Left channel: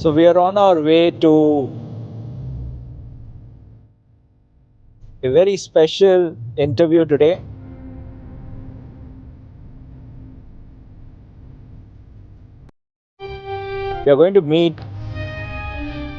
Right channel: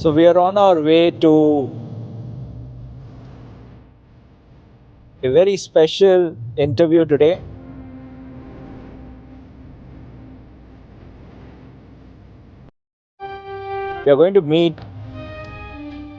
So we are on our way to a very special interview today. We are going to meet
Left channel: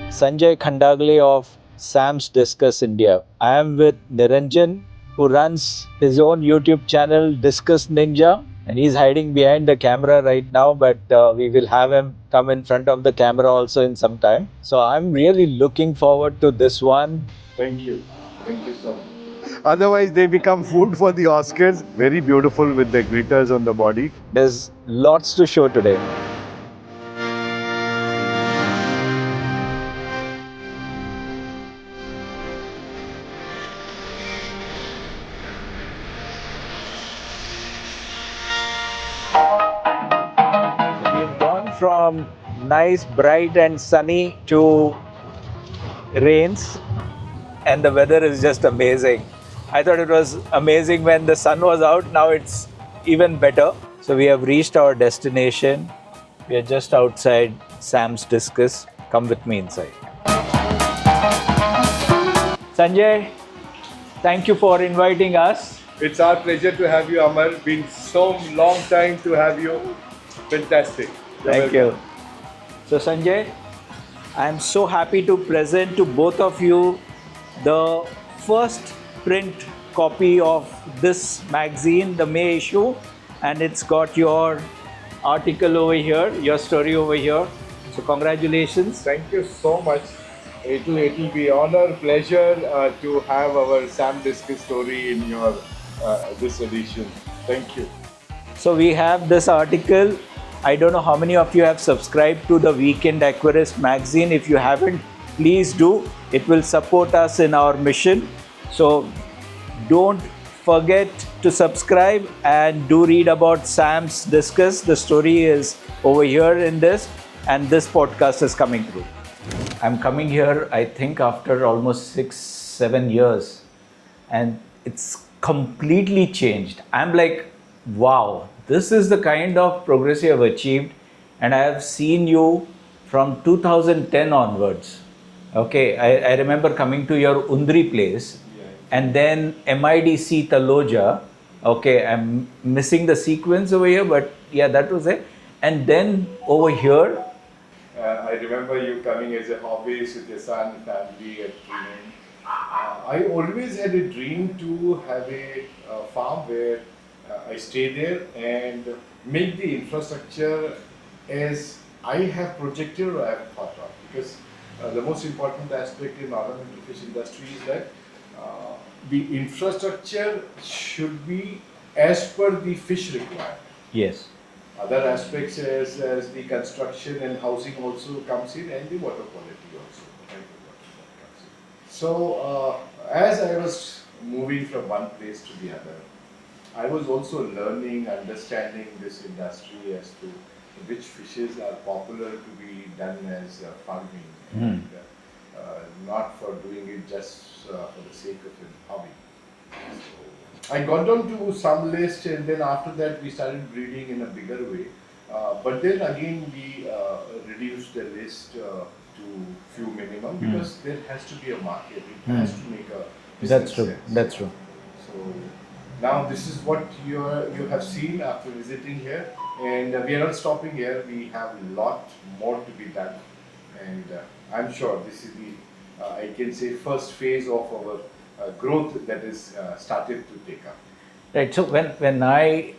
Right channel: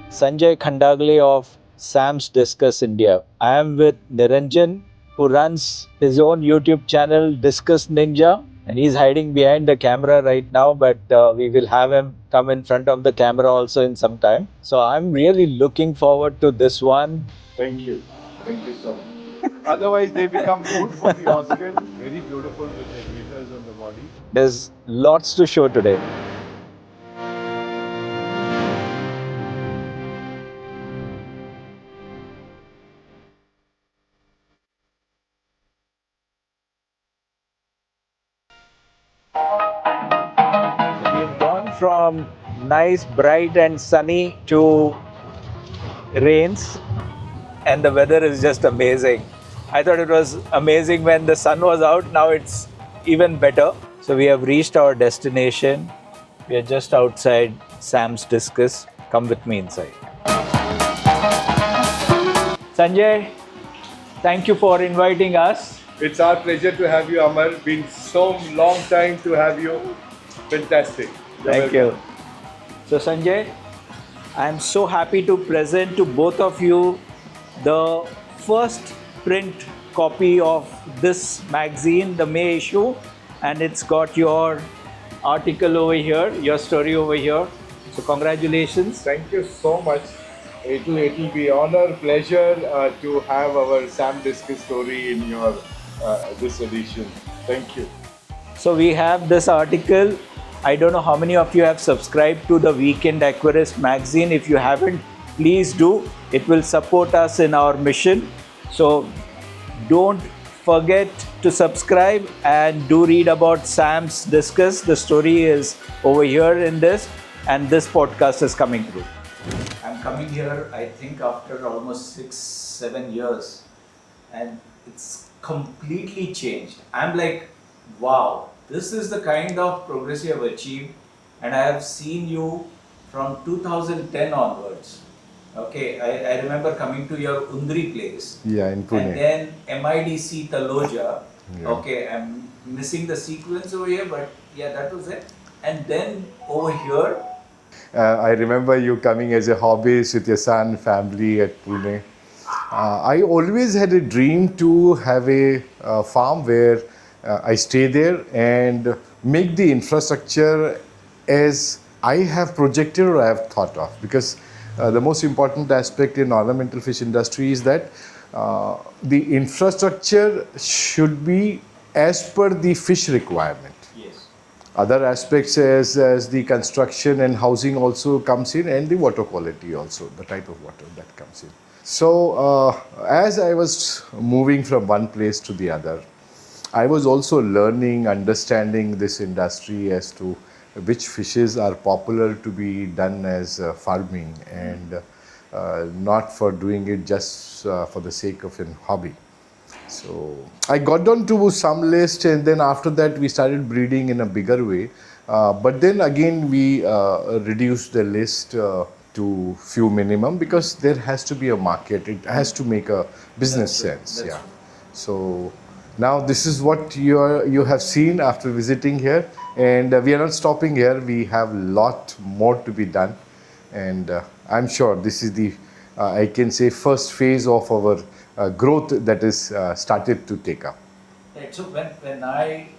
Sanjay Khandagale of Sam's Discus India. I am with Niranjan, who runs his own YouTube channel, Discus Ninja, and he's hiding behind the camera right now, but we will have him come in front of the camera also in some time. So I'm really looking forward to this one. Thank you. Thank you so much. Otherwise, they become food for the Oscars. Very beautiful with the glitters on the body. There's lots to show today. We've gone from nice, bright, and sunny to rains, and the weather is just amazing. I thought it was amazing when the sun was out, now it's even better. So, we have reached our destination. We are just outside Sam's Discus. Come with me inside. Sanjay, thank you for inviting us. It's our pleasure to have you, Amar. Been so long time to have you. Fantastic. Thank you. So, Sanjay, I am so happy to present to both of you the first print copy of this magazine, the May issue, and it's got your article over here, your story over here. So, congratulations. Thank you so much. It'll be honor, pleasure to have our Sam Discus story in your this edition. Thank you. So, we have this article. I don't know how many of you have subscribed to the Weekend Aquarist magazine. If you haven't, please do. It will support us in our mission. So don't forget to subscribe and do read about Sam's Discus. The story is over here in this, and this podcast is coming through. I'm coming here, I think, after almost 6-7 years, and it's completely changed. I'm like, wow, this is the kind of progress you have achieved, and I have seen you from 2010 onwards. Okay, I remember coming to your Undri place, in and then MIDC Taloja. Okay, I'm missing the sequence over here, but yeah, that was it. And then over here, I remember you coming as a hobbyist with your son, family at Pune. I always had a dream to have a farm where I stay there and make the infrastructure as I have projected or I have thought of. Because the most important aspect in ornamental fish industry is that the infrastructure should be as per the fish requirement. yes. Other aspects as the construction and housing also comes in, and the water quality also, the type of water that comes in. So as I was moving from one place to the other, I was also learning, understanding this industry as to which fishes are popular to be done as farming and not for doing it just for the sake of a hobby. So I got on to some list, and then after that we started breeding in a bigger way. But then again we reduced the list to few minimum because there has to be a market. It has to make a business sense. That's true. So now this is what you have seen after visiting here, and we are not stopping here. We have lot more to be done, and I'm sure this is the I can say first phase of our growth that is started to take up. Right. So when I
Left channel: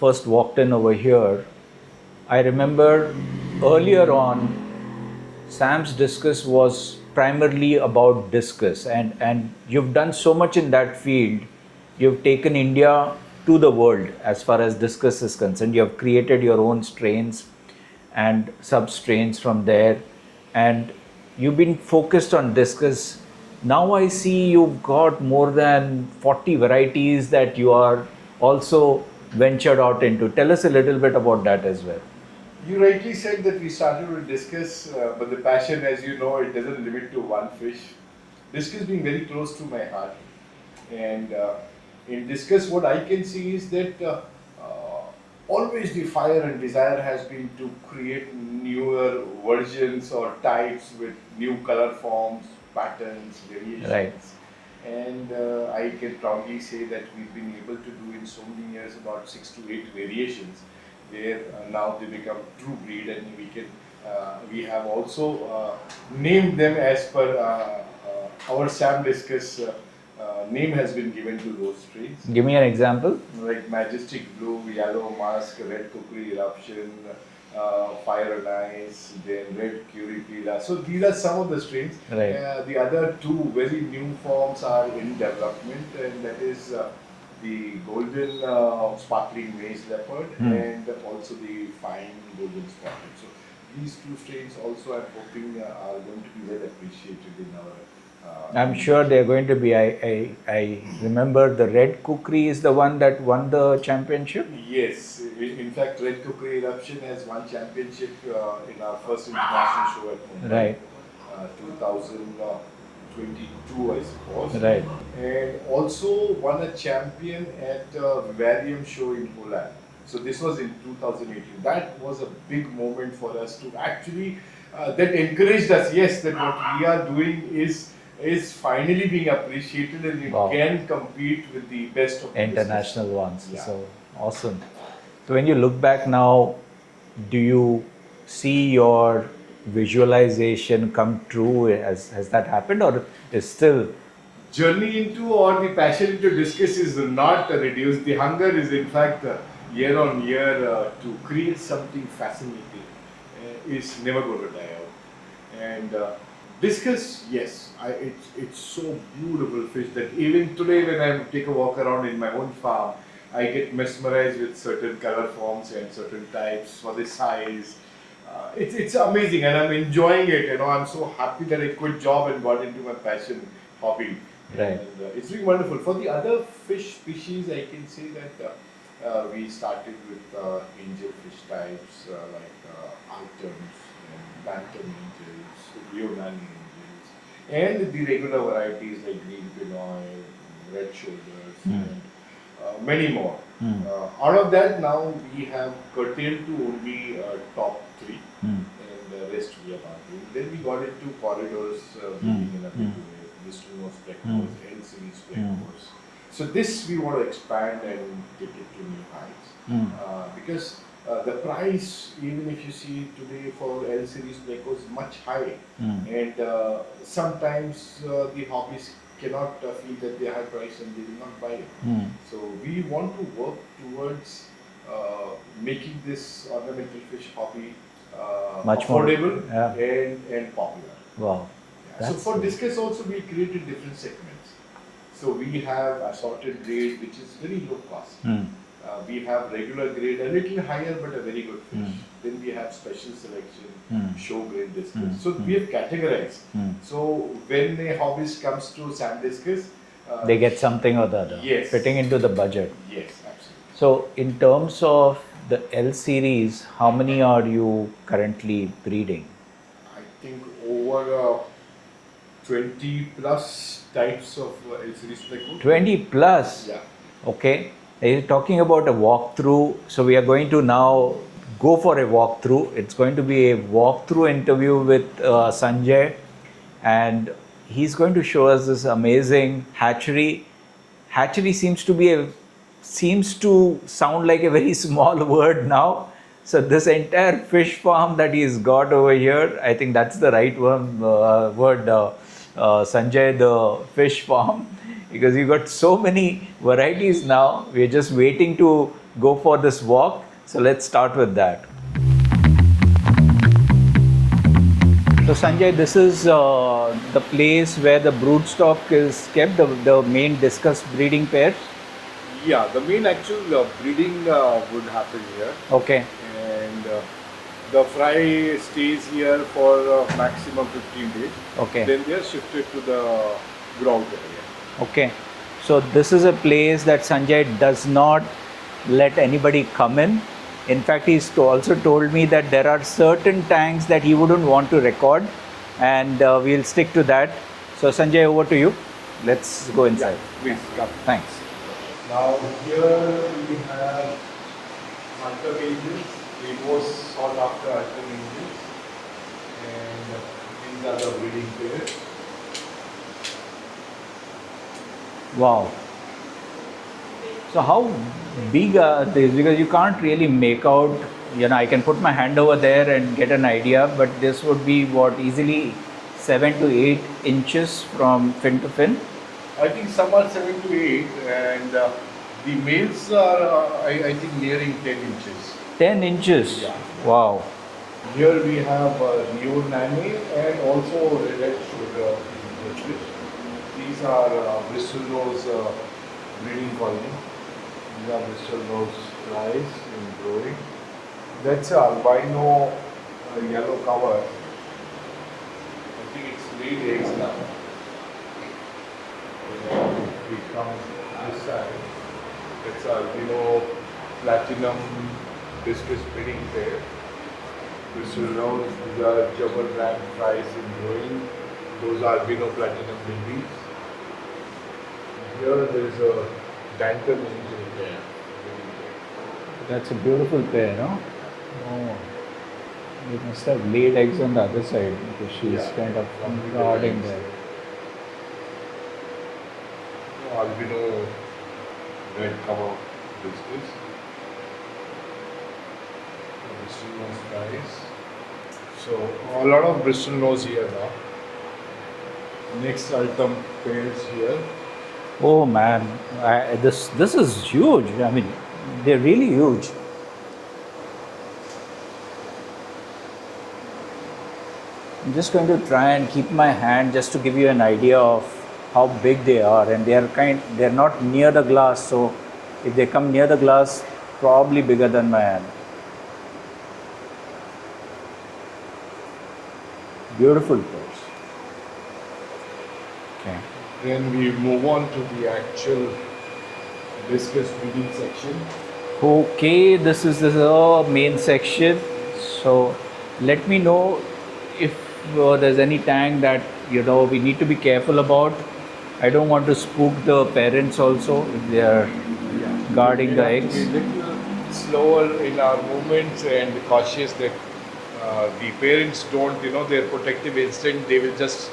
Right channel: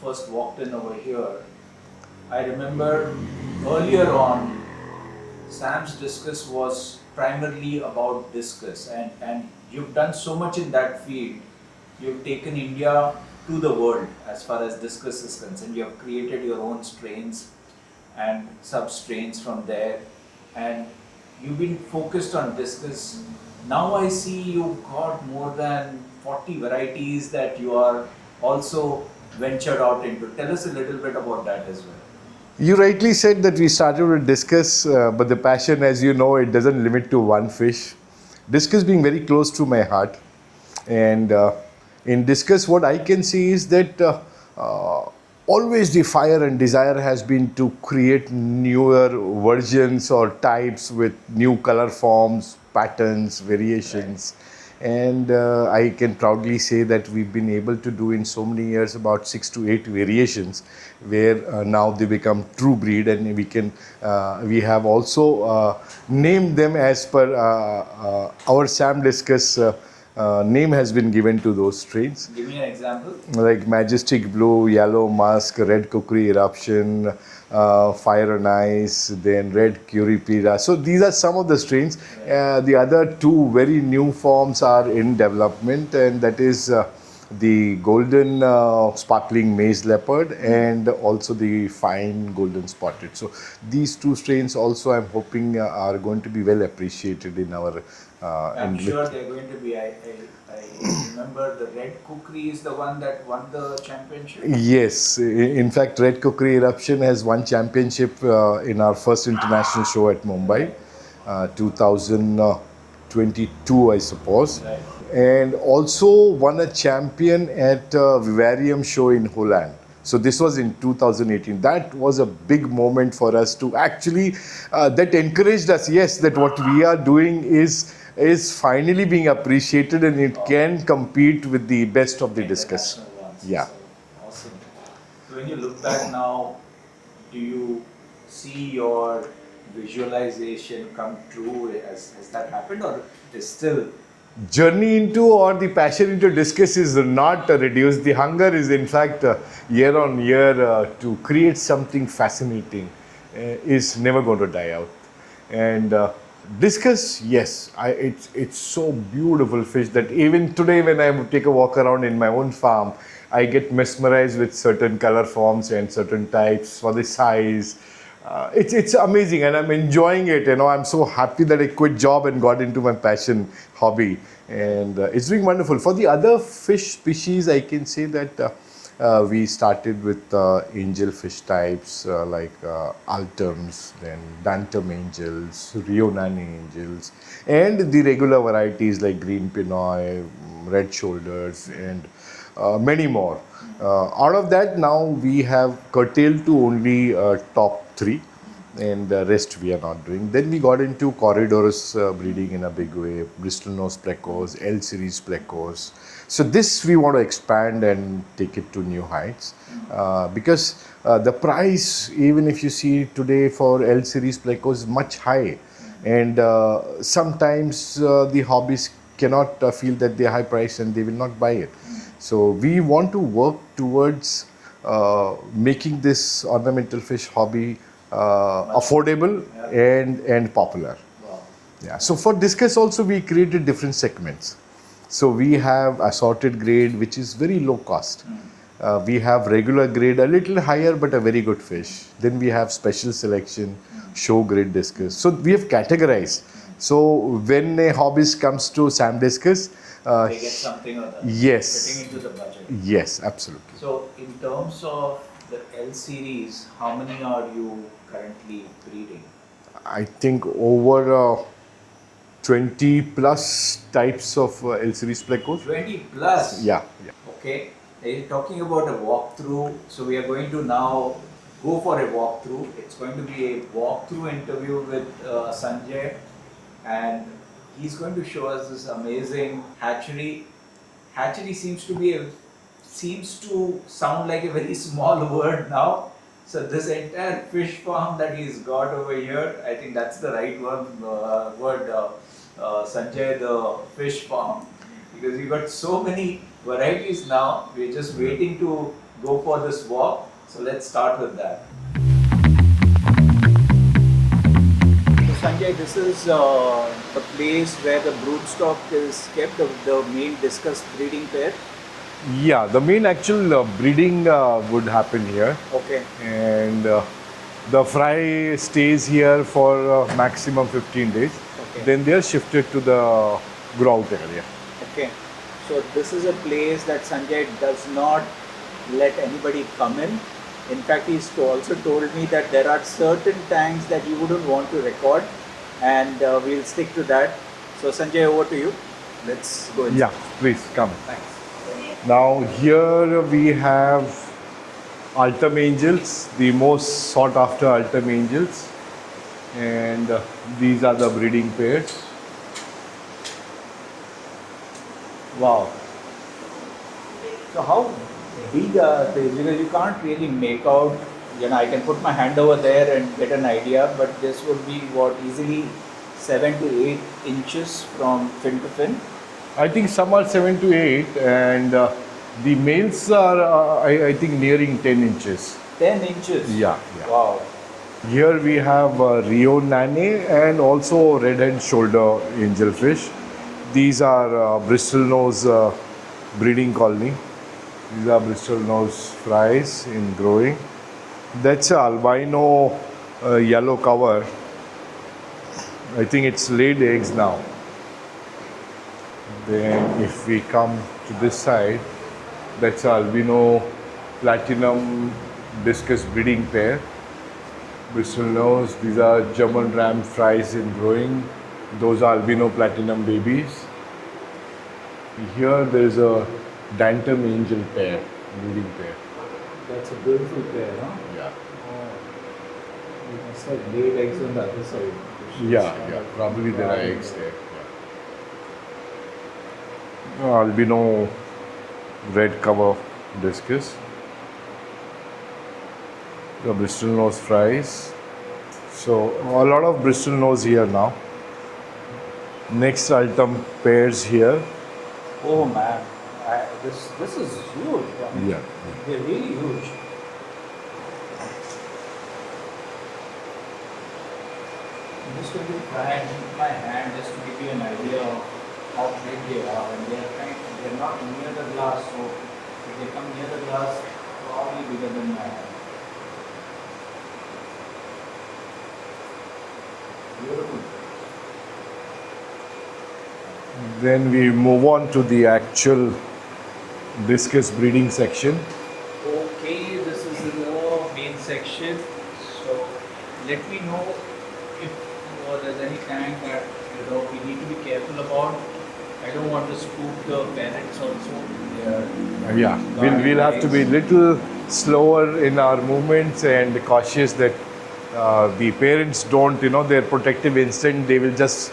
first walked in over here, I remember earlier on, Sam's Discus was primarily about discus, and you've done so much in that field. You've taken India to the world as far as discus is concerned. You have created your own strains and sub-strains from there, and you've been focused on discus. Now I see you've got more than 40 varieties that you are also ventured out into. Tell us a little bit about that as well. You rightly said that we started with discus, but the passion, as you know, it doesn't limit to one fish. Discus being very close to my heart, and in discus what I can see is that always the fire and desire has been to create newer versions or types with new color forms, patterns, variations. And I can proudly say that we've been able to do in so many years about 6 to 8 variations, where now they become true breed, and we have also named them as per our Sam Discus name has been given to those strains. Give me an example. Like Majestic Blue, Yellow Musk, Red Kukri Eruption, Fire and Ice, then Red Kukri. So these are some of the strains. Right. The other two very new forms are in development, and that is the golden sparkling maize leopard and also the fine golden spotted. So these two strains also I'm hoping are going to be well appreciated in our I'm sure they're going to be. I remember the Red Kukri is the one that won the championship. Yes, in fact, Red Kukri Eruption has won championship in our first international show at Mumbai, 2022, I suppose. Right. And also won a champion at Vivarium show in Holland. So this was in 2018. That was a big moment for us to actually, that encouraged us, yes, that what we are doing is finally being appreciated, and it can compete with the best of the international Discus. ones. Yeah. So awesome. So when you look back now, do you see your visualization come true? Has that happened, or is still Journey into or the passion into Discus is not reduced. The hunger is in fact year on year to create something fascinating is never going to die out. And Discus, yes, it's so beautiful fish that even today when I take a walk around in my own farm, I get mesmerized with certain color forms and certain types for the size. It's amazing, and I'm enjoying it. You know, I'm so happy that I quit job and got into my passion hobby, and it's doing wonderful. For the other fish species, I can say that we started with angelfish types like altums, then bantam angels, Rio Nani angels, and the regular varieties like green pinoy, red shoulders, and many more. Out of that, now we have curtailed to only top 3, and the rest we are not doing. Then we got into corridors breeding in a big way, Bristol nose Plecos, L series Plecos. So this we want to expand and take it to new heights, because the price, even if you see today for L series Plecos, is much high, and sometimes the hobbies cannot feel that they're high price and they will not buy it. So we want to work towards making this ornamental fish hobby affordable and popular. wow? Yeah. So for Discus also we created different segments. So we have assorted grade, which is very low cost. We have regular grade, a little higher but a very good fish. Then we have special selection, show grade Discus. So we have categorized. So when a hobbyist comes to Sam Discus, They get something or the other. Yes. Fitting into the budget. Yes, absolutely. So in terms of the L series, how many are you currently breeding? I think over 20 plus types of L series Plecos. 20 plus? Yeah. Okay. You're talking about a walkthrough. So we are going to now go for a walkthrough. It's going to be a walkthrough interview with Sanjay, and he's going to show us this amazing hatchery. Hatchery seems to sound like a very small word now. So this entire fish farm that he's got over here, I think that's the right word, Sanjay, the fish farm, because you've got so many varieties now. We're just waiting to go for this walk. So let's start with that. So Sanjay, this is the place where the broodstock is kept, the main Discus breeding pair. Yeah, the main actual breeding would happen here. Okay. And the fry stays here for maximum 15 days. Okay. Then they are shifted to the ground area. Okay. So this is a place that Sanjay does not let anybody come in. In fact, he's also told me that there are certain tanks that he wouldn't want to record, and we'll stick to that. So Sanjay, over to you. Let's go inside. Yeah, please come. Thanks. Now here we have Ultim angels, the most sought after ultim angels. And these are the breeding pairs. Wow. So how big are these? Because you can't really make out, I can put my hand over there and get an idea, but this would be what, easily 7 to 8 inches from fin to fin? I think some are 7 to 8 and the males are I think nearing 10 inches. 10 inches? Yeah. Wow. Here we have Rio Nane and also red and shoulder angelfish. These are Bristol nose breeding colony. These are Bristol nose fries in growing. That's a albino yellow cover. I think it's laid eggs now. Then if we come to this side, that's albino platinum discus breeding pair. Bristol nose, these are German ram fries in growing. Those are albino platinum babies. Here there is a Dantum angel pair, breeding pair. That's a beautiful pair, no? Yeah. Oh. They must have laid eggs on the other side. Because she's kind of probably there are guarding eggs there. there. Albino red cover discus. The Bristol nose fries. So a lot of Bristol nose here now. Next Ultim pairs here. Oh man, this is huge. I mean, Yeah. they're really huge. I'm just going to try and keep my hand just to give you an idea of how big they are, and they're not near the glass, so if they come near the glass, probably bigger than my hand. Beautiful fish. Okay. Then we move on to the actual discus breeding section. Okay, this is the main section. So let me know if there's any tank that we need to be careful about. I don't want to spook the parents also. They are Yeah, guarding we'll the have to be eggs. little slower in our movements and cautious that the parents don't, their protective instinct, they will just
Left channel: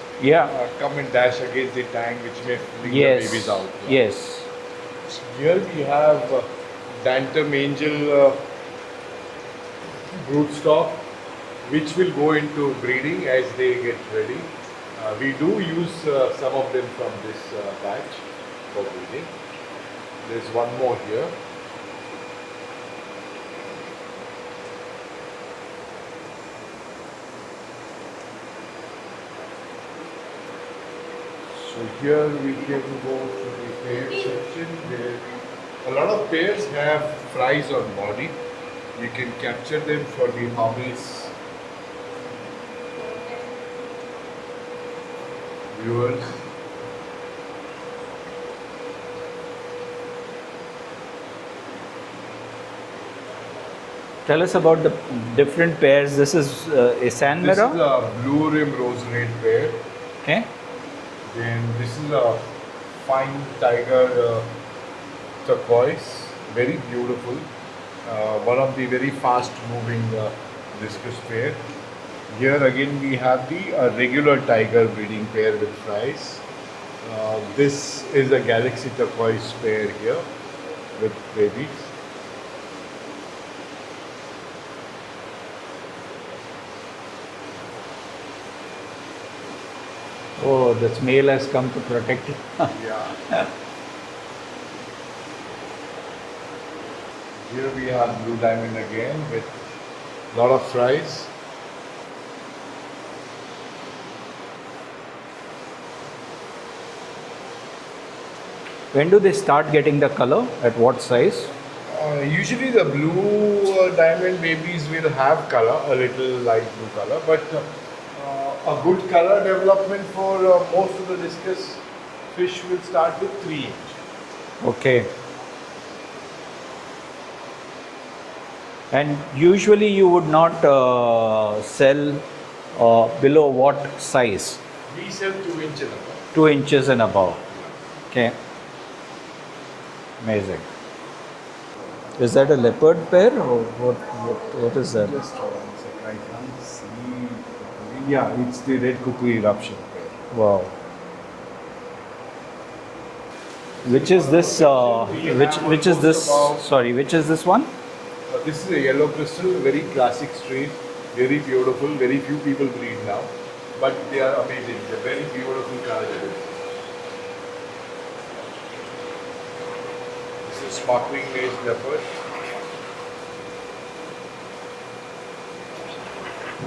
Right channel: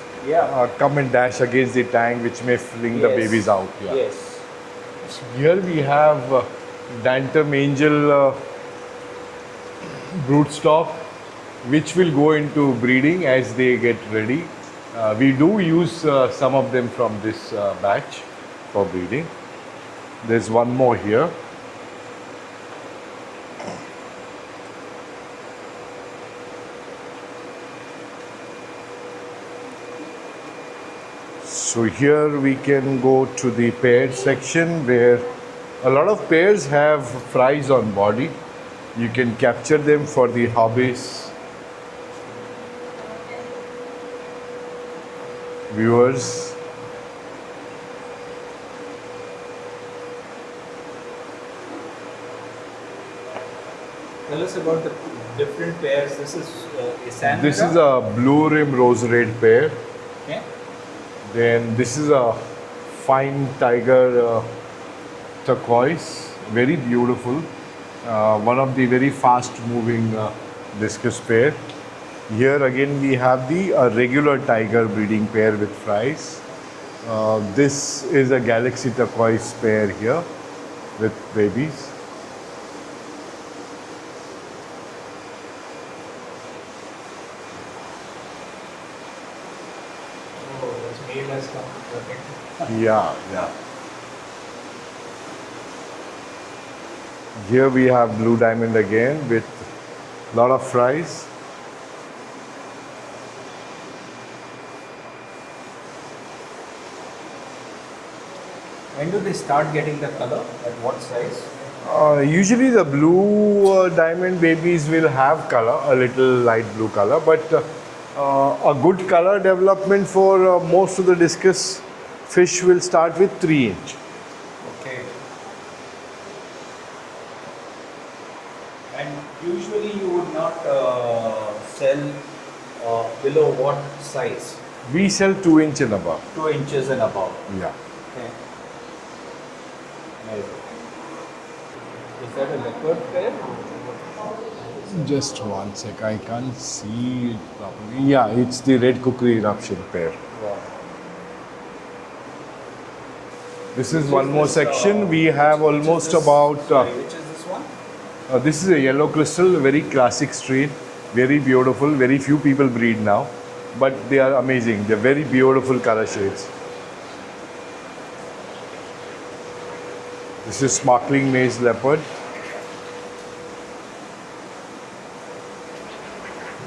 come and dash against the tank, which may fling the babies out. Yeah. Yes. Here we have Dantum angel broodstock, which will go into breeding as they get ready. We do use some of them from this batch for breeding. There's one more here. So here we can go to the paired section where a lot of pairs have fries on body. You can capture them for the hobbies, viewers. Tell us about the different pairs. This is a San This Mira? is a blue rim rose red pair. Okay. Then this is a fine tiger turquoise, very beautiful. One of the very fast moving discus pair. Here again we have the regular tiger breeding pair with fries. This is a galaxy turquoise pair here with babies. Oh, this male has come to protect it. Yeah. Here we have blue diamond again with a lot of fries. When do they start getting the color? At what size? Usually the blue diamond babies will have color, a little light blue color, but a good color development for most of the discus fish will start with 3 inch. Okay. And usually you would not sell below what size? We sell 2 inch and above. 2 inches and above. Yeah. Okay. Amazing. Is that a leopard pair or what is that? Just one sec, I can't see it properly. Yeah, it's the Red Kukri Eruption pair. Wow. This is one more section. We have which is almost this, about. Sorry, which is this one? This is a yellow crystal, very classic strain, very beautiful. Very few people breed now, but they are amazing. They're very beautiful color shades. This is sparkling maze leopard.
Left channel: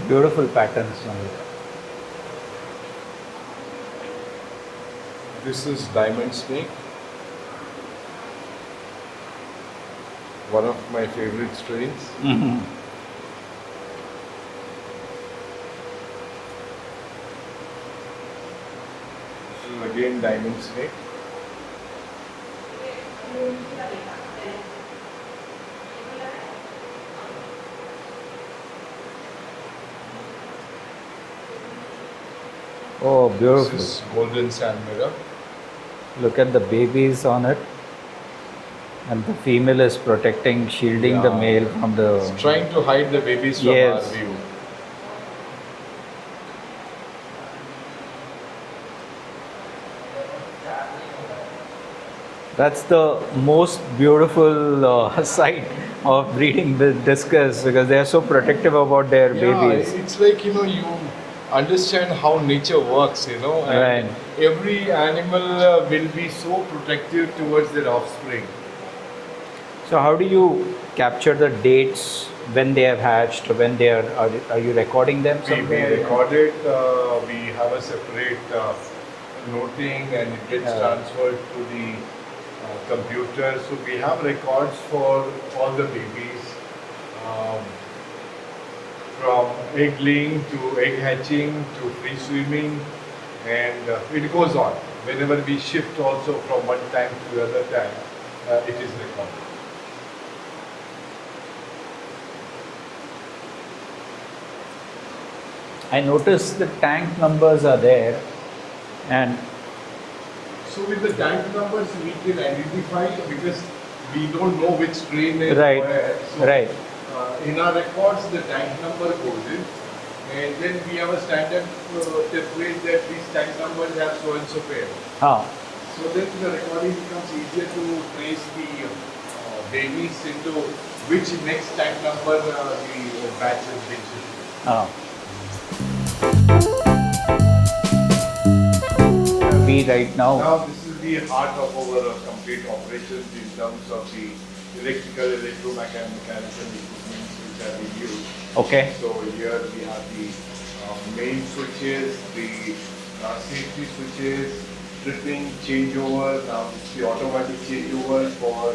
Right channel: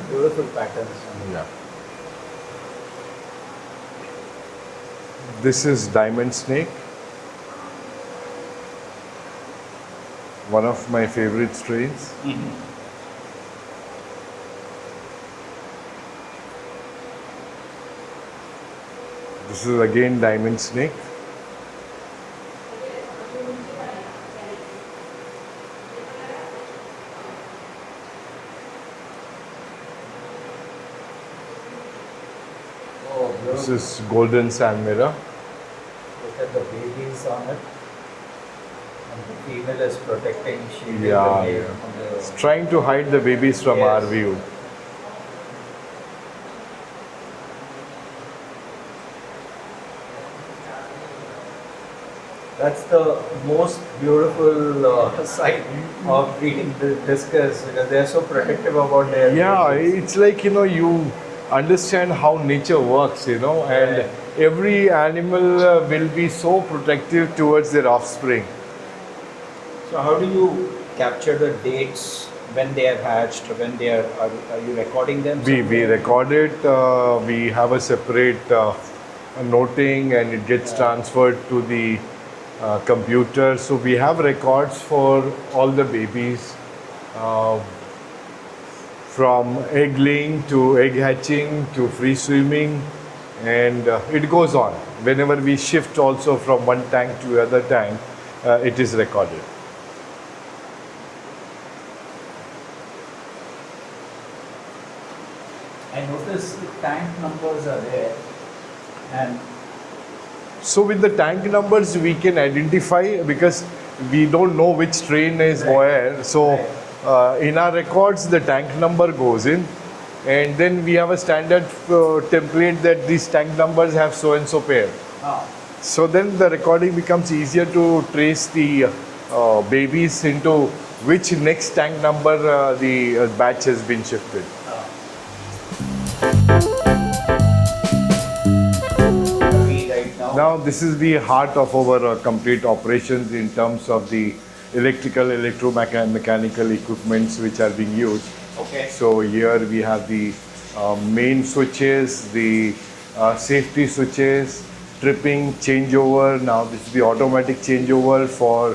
Beautiful patterns on that. This is diamond snake. One of my favorite strains. This is again diamond snake. Oh, This beautiful. is golden sand mirror. Look at the babies on it. And the female is protecting, shielding the Yeah. male from the... Trying to hide the babies from Yes. our view. That's the most beautiful sight of breeding the discus because they are so protective about their Yeah, babies. it's like, you understand how nature works, and Right. every animal will be so protective towards their offspring. So how do you capture the dates when they have hatched, when they are you recording them? We somewhere? record it, we have a separate noting and it gets transferred to the computer. So we have records for all the babies. From egg laying to egg hatching to free swimming, and it goes on. Whenever we shift also from one tank to the other tank, it is recorded. I noticed the tank numbers are there and So with the tank numbers, we can identify because we don't know which strain is Right. where. So Right. in our records, the tank number goes in, and then we have a standard template that these tank numbers have so and so pair. So then the recording becomes easier to trace the babies into which next tank number the batch has been shifted. we right now, Now this is the heart of our complete operations in terms of the electrical, electromechanical equipments which are being used. okay, So here we have the main switches, the safety switches, tripping, changeover. Now this is the automatic changeover for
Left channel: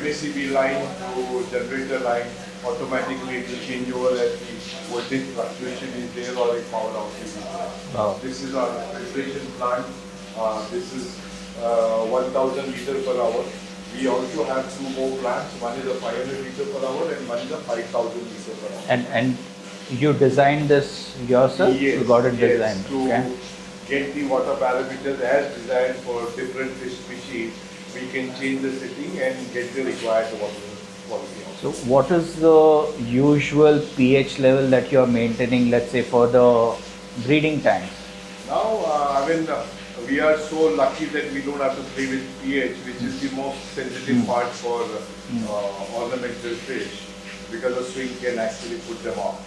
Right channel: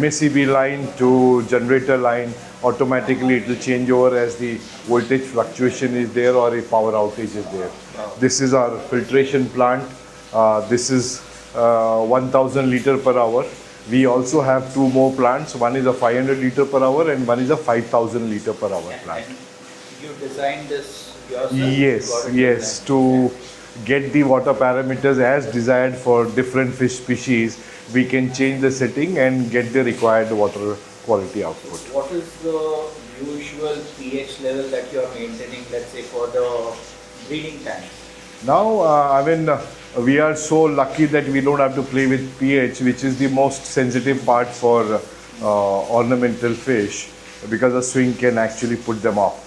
MACB line to generator line. Automatically it will change over as the voltage fluctuation is there or a power outage is there. This is our filtration plant. This is 1000 liter per hour. We also have two more plants. One is a 500 liter per hour and one is a 5000 liter per hour. and plant. and you designed this yourself? Yes, You got it yes, designed. to Okay. get the water parameters as desired for different fish species, we can change the setting and get the required water quality out. So what is the usual pH level that you are maintaining, let's say, for the breeding tanks? Now, we are so lucky that we don't have to play with pH, which is the most sensitive part for ornamental fish, because a swing can actually put them off.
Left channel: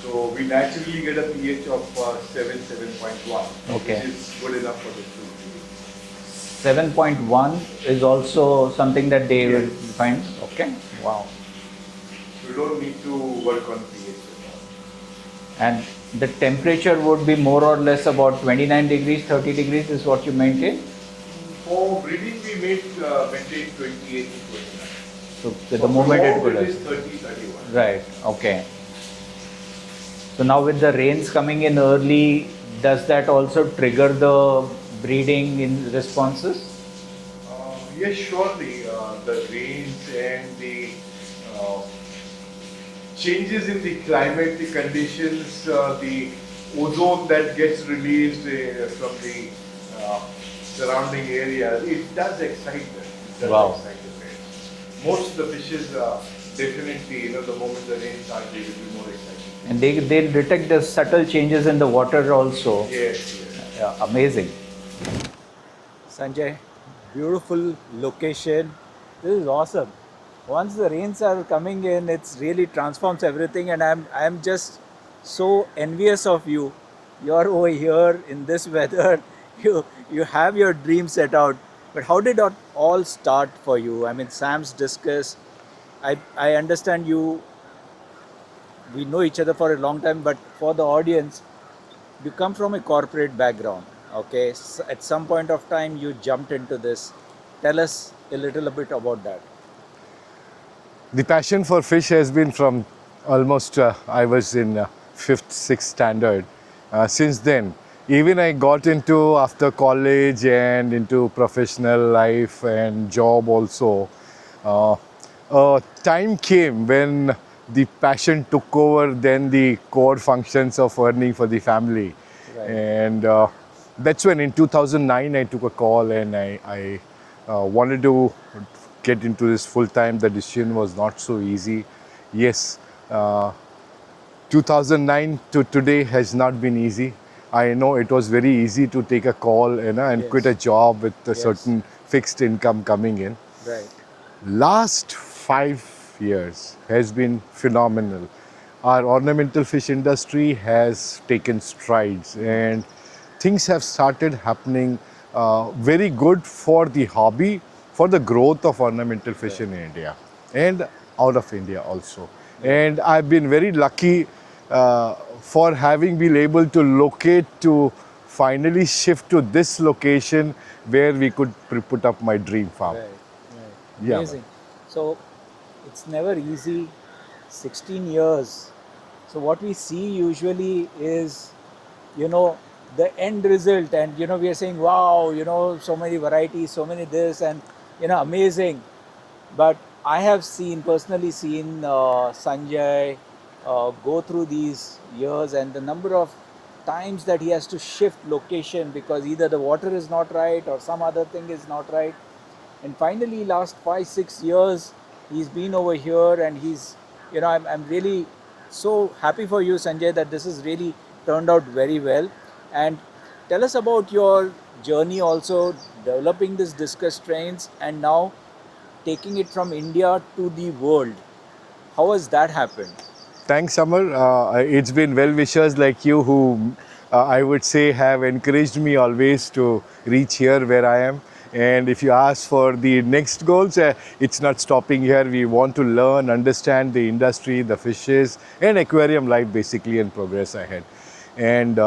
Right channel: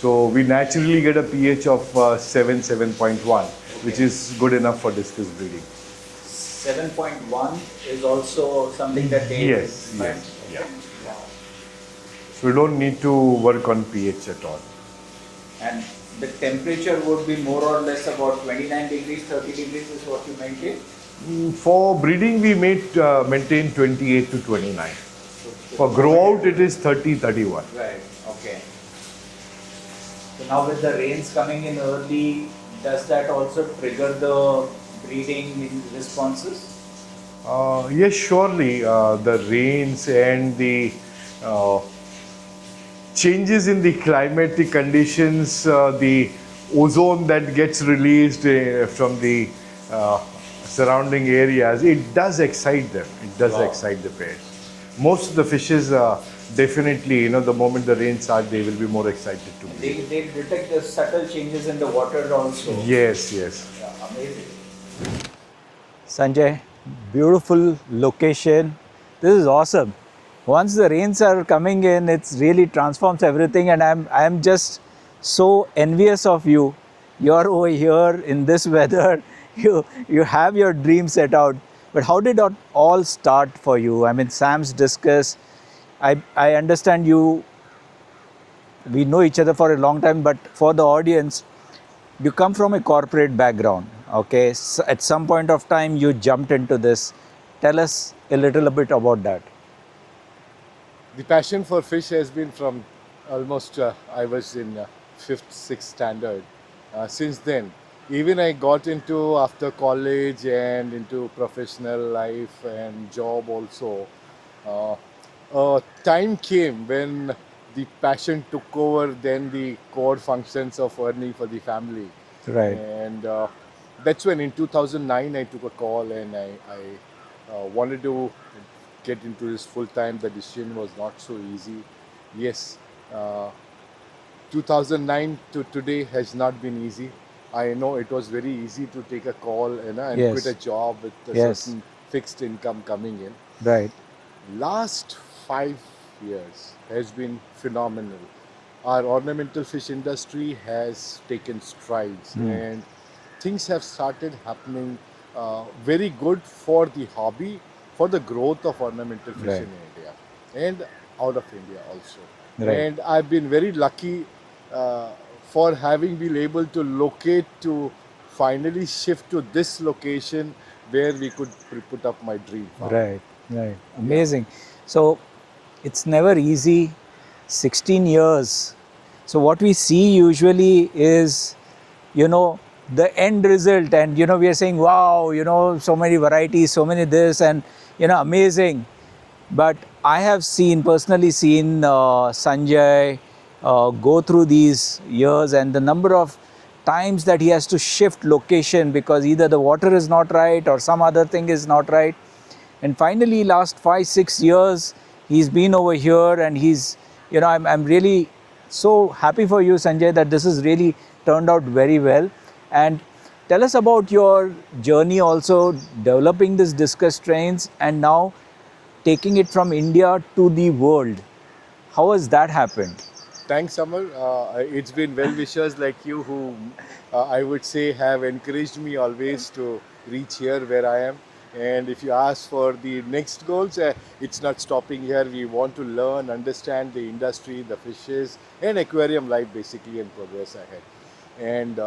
So we naturally get a pH of 7.1, which Okay. is good enough for discus breeding. 7.1 is also something that they Yes, find. yes, Okay. Wow. So we don't need to work on pH at all. And the temperature would be more or less about 29 degrees, 30 degrees is what you maintain? For breeding, we maintain 28 to 29. So For the moment growth, it would- is 30, 31. Right, okay. So now with the rains coming in early, does that also trigger the breeding in responses? Yes, surely. The rains and the changes in the climatic conditions, the ozone that gets released from the surrounding areas, it does excite them. It does Wow. excite the pairs. most of the fishes definitely, the moment the rain starts, they will be more excited too. And they'll detect the subtle changes in the water also. Yes, yes. Yeah, amazing. Sanjay, beautiful location. This is awesome. Once the rains are coming in, it's really transforms everything, and I'm just so envious of you. You're over here in this weather. You have your dream set out. But how did it all start for you? I mean, Sam's Discus. I understand you. We know each other for a long time, but for the audience, you come from a corporate background, okay? So at some point of time, you jumped into this. Tell us a little bit about that. The passion for fish has been from almost, I was in 5th, 6th standard. Since then, even I got into after college and into professional life and job also. Time came when the passion took over then the core functions of earning for the family. Right. And that's when in 2009 I took a call and I wanted to get into this full time. The decision was not so easy. Yes, 2009 to today has not been easy. I know it was very easy to take a call and Yes. quit a job with a Yes. certain fixed income coming in. Right. Last 5 years has been phenomenal. Our ornamental fish industry has taken strides and things have started happening very good for the hobby, for the growth of ornamental fish Right. in India and out of India also. Right. And I've been very lucky for having been able to locate to finally shift to this location where we could put up my dream farm. Right. Right. Yeah. Amazing. So it's never easy. 16 years. So what we see usually is, the end result, and we are saying, wow, so many varieties, so many this, and amazing. But I have personally seen Sanjay go through these years, and the number of times that he has to shift location because either the water is not right or some other thing is not right. And finally, last 5-6 years, he's been over here, and he's, I'm really so happy for you, Sanjay, that this has really turned out very well. And tell us about your journey also developing this discus strains and now taking it from India to the world. How has that happened? Thanks, Amar. It's been well-wishers like you who I would say have encouraged me always to reach here where I am. And if you ask for the next goals, it's not stopping here. We want to learn, understand the industry, the fishes, and aquarium life basically and progress ahead. And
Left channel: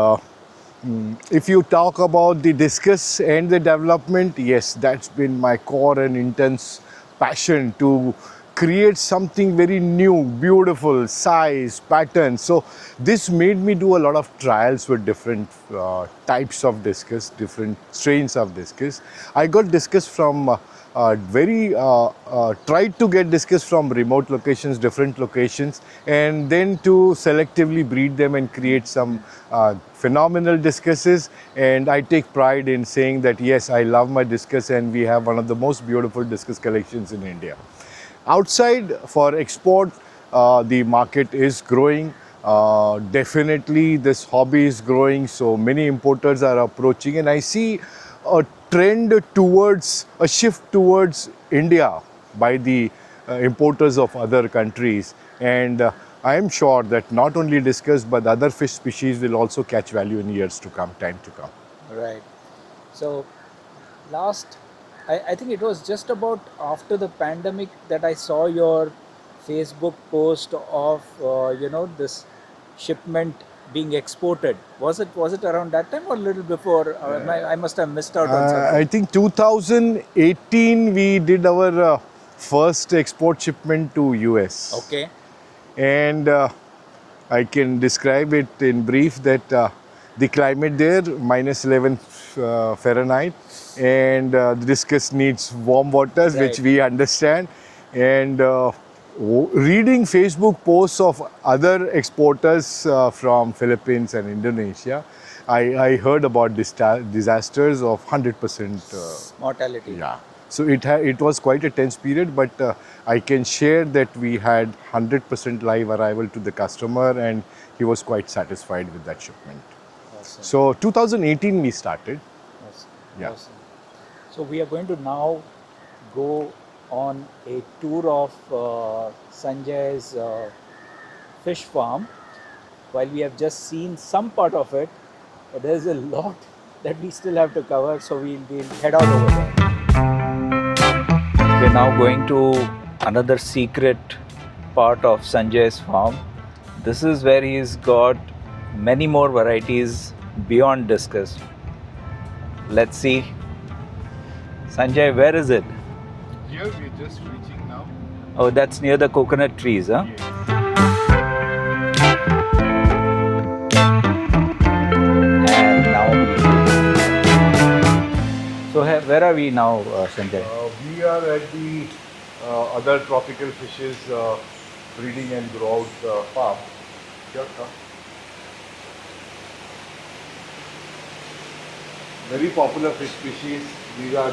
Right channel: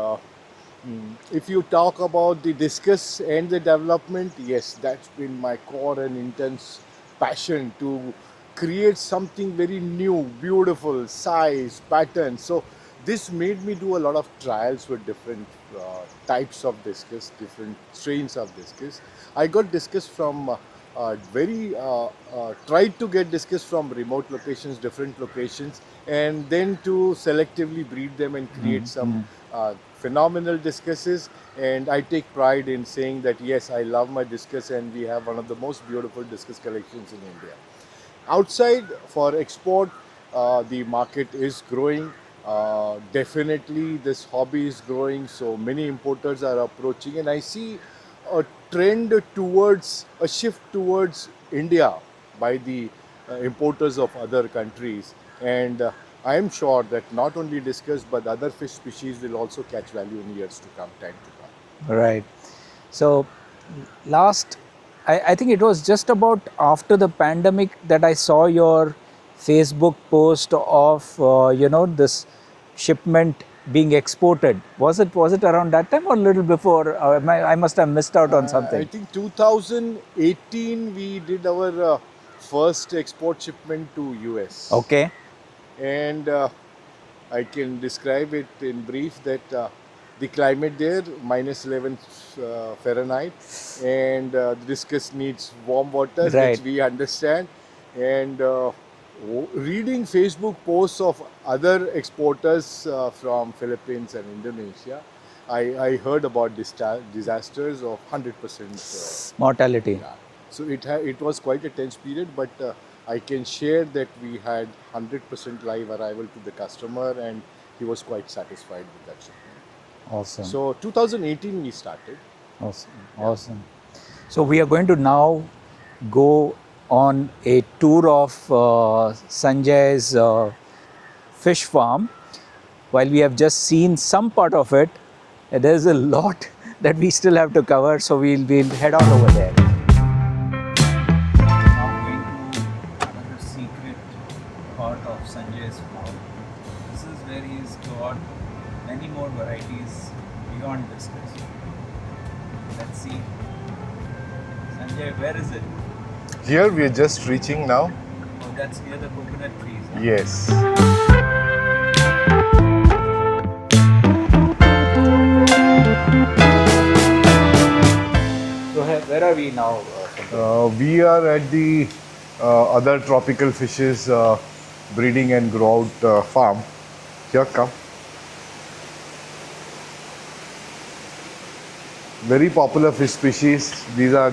if you talk about the discus and the development, yes, that's been my core and intense passion to create something very new, beautiful, size, pattern. So this made me do a lot of trials with different types of discus, different strains of discus. I got discus from tried to get discus from remote locations, different locations, and then to selectively breed them and create some phenomenal discuses. And I take pride in saying that yes, I love my discus and we have one of the most beautiful discus collections in India. Outside for export, the market is growing. Definitely this hobby is growing, so many importers are approaching, and I see a trend towards a shift towards India by the importers of other countries. And I am sure that not only discus but other fish species will also catch value in years to come, time to come. Right. So I think it was just about after the pandemic that I saw your Facebook post of this shipment being exported. Was it around that time or a little before? I must have missed out on something. I think 2018 we did our first export shipment to US. Okay. And I can describe it in brief that the climate there, -11 Fahrenheit, and the discus needs warm waters, Right. which we understand. And reading Facebook posts of other exporters from Philippines and Indonesia, I heard about disasters of 100% Mortality. yeah. So it was quite a tense period, but I can share that we had 100% live arrival to the customer, and he was quite satisfied with that shipment. Awesome. So 2018 we started. Awesome. Yeah. Awesome. So we are going to now go on a tour of Sanjay's fish farm. While we have just seen some part of it, there's a lot that we still have to cover, so we'll head on over there. We're now going to another secret part of Sanjay's farm. This is where he's got many more varieties beyond discus. Let's see. Sanjay, where is it? Here we are just reaching now. Oh, that's near the coconut trees, huh? Yes. And now. So where are we now, Sanjay? We are at the other tropical fishes breeding and grow out farm. Here, come. Very popular fish species. These are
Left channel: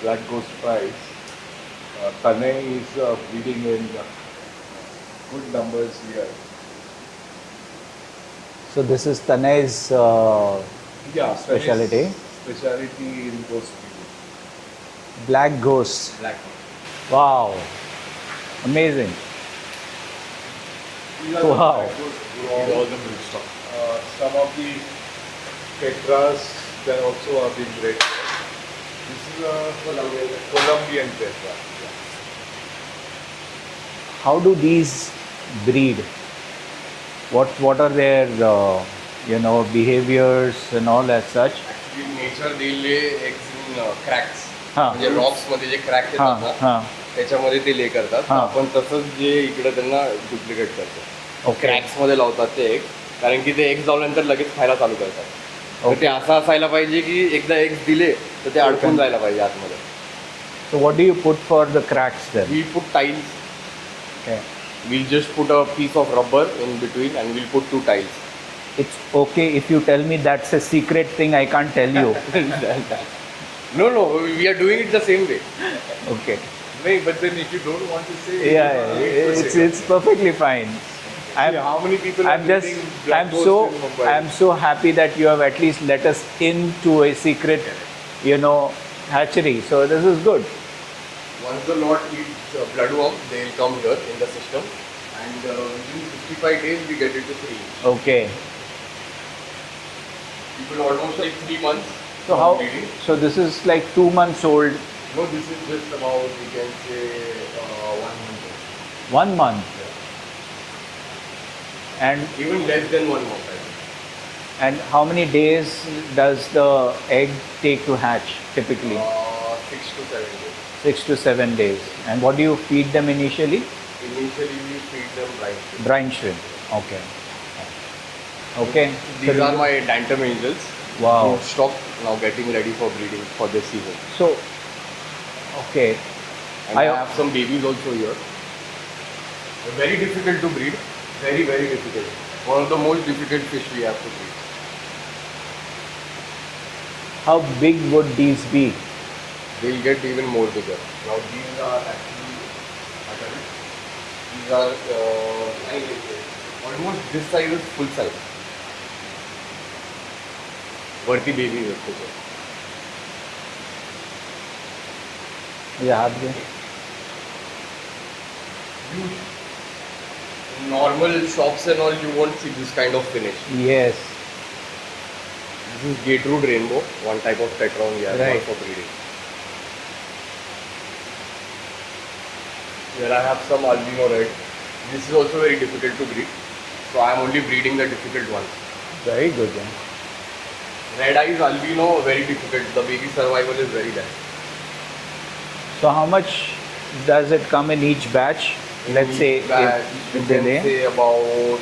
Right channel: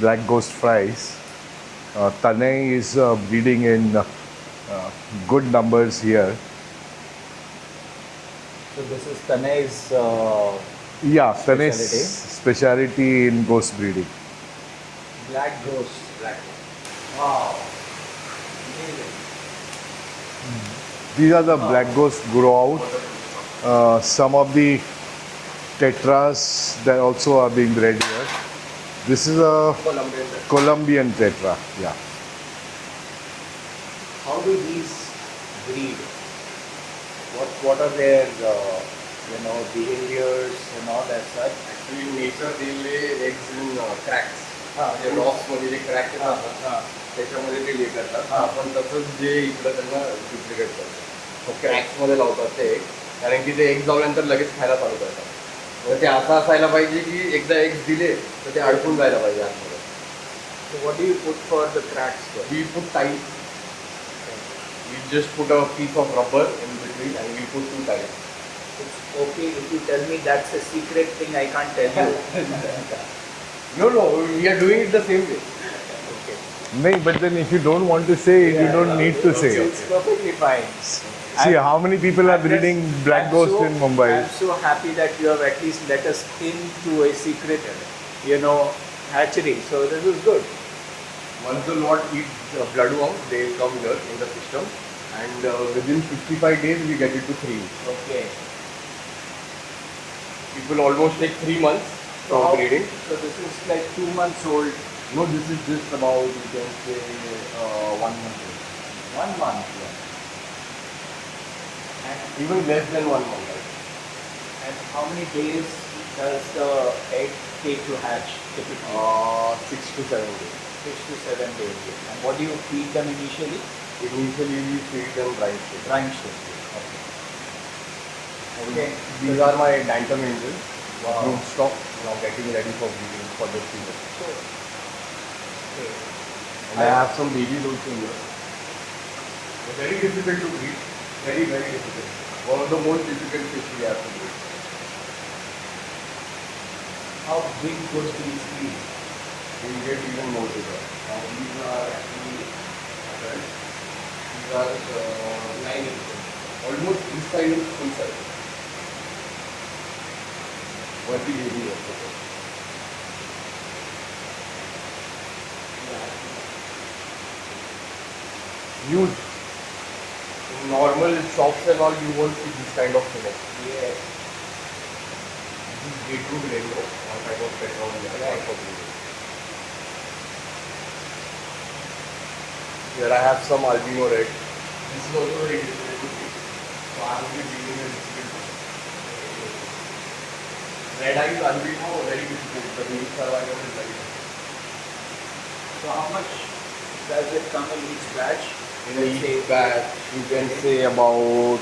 black ghost fries. Tanay is breeding in good numbers here. So this is Tanay's Yeah, specialty. Specialty in ghost breeding. Black Ghost. Wow. Amazing. These are the Wow. black ghost grow out. Some of the tetras that also are being bred here. This is a Colombian tetra. Yeah. How do these breed? What are their behaviors and all as such? In nature they lay eggs in cracks. हा. म्हणजे rocks मध्ये जे crack हा, येतात ना हा. त्याच्यामध्ये ते ले करतात. हा. आपण तसंच जे इकडे त्यांना डुप्लिकेट करतो. ओके. क्रॅक्स मध्ये लावतात ते एग, कारण की ते एग लावल्यानंतर लगेच खायला चालू करतात. तर ते असं असायला पाहिजे की एकदा एग्स दिले तर ते अडकून जायला पाहिजे आतमध्ये. So what do you put for the cracks then? We put tiles. Okay. We'll just put a piece of rubber in between and we'll put 2 tiles. It's okay if you tell me that's a secret thing I can't tell you. No, we are doing it the same way. Okay. No, but then if you don't want to say, Yeah, you don't need to it's, say. it's perfectly fine. See, how many people are breeding black ghost in Mumbai? I'm so happy that you have at least let us into a secret, hatchery. So this is good. Once the lot eats bloodworm, they'll come here in the system, and within 55 days we get it to 3 inch. Okay. It will almost take 3 months So for breeding. So this is like 2 months old. No, this is just about, you can say, 1 month old. 1 month. And Even less than 1 month, I think. and how many days does the egg take to hatch typically? 6 to 7 days. 6 to 7 days. And what do you feed them initially? Initially, we feed them brine shrimp. Brine shrimp. Okay. Okay. These are my Dantum angels. Wow. Stock now getting ready for breeding for this season. So, okay. And I have some babies also here. Very difficult to breed. Very, very difficult. One of the most difficult fish we have to breed. How big would these be? They'll get even more bigger. Now these are actually adult. These are 9 inches. Almost this size is full size. Verti baby here. Yeah. Huge. In normal shops and all, you won't see this kind of finish. Yes. This is Gateroot rainbow, one type of tetron we have Right. for breeding. Here I have some albino red. This is also very difficult to breed. So I am only breeding the difficult ones. Very good. Then. Red eyes albino, very difficult. The baby survival is very less. So how much does it come in each batch? Let's say that you if they can lay. say about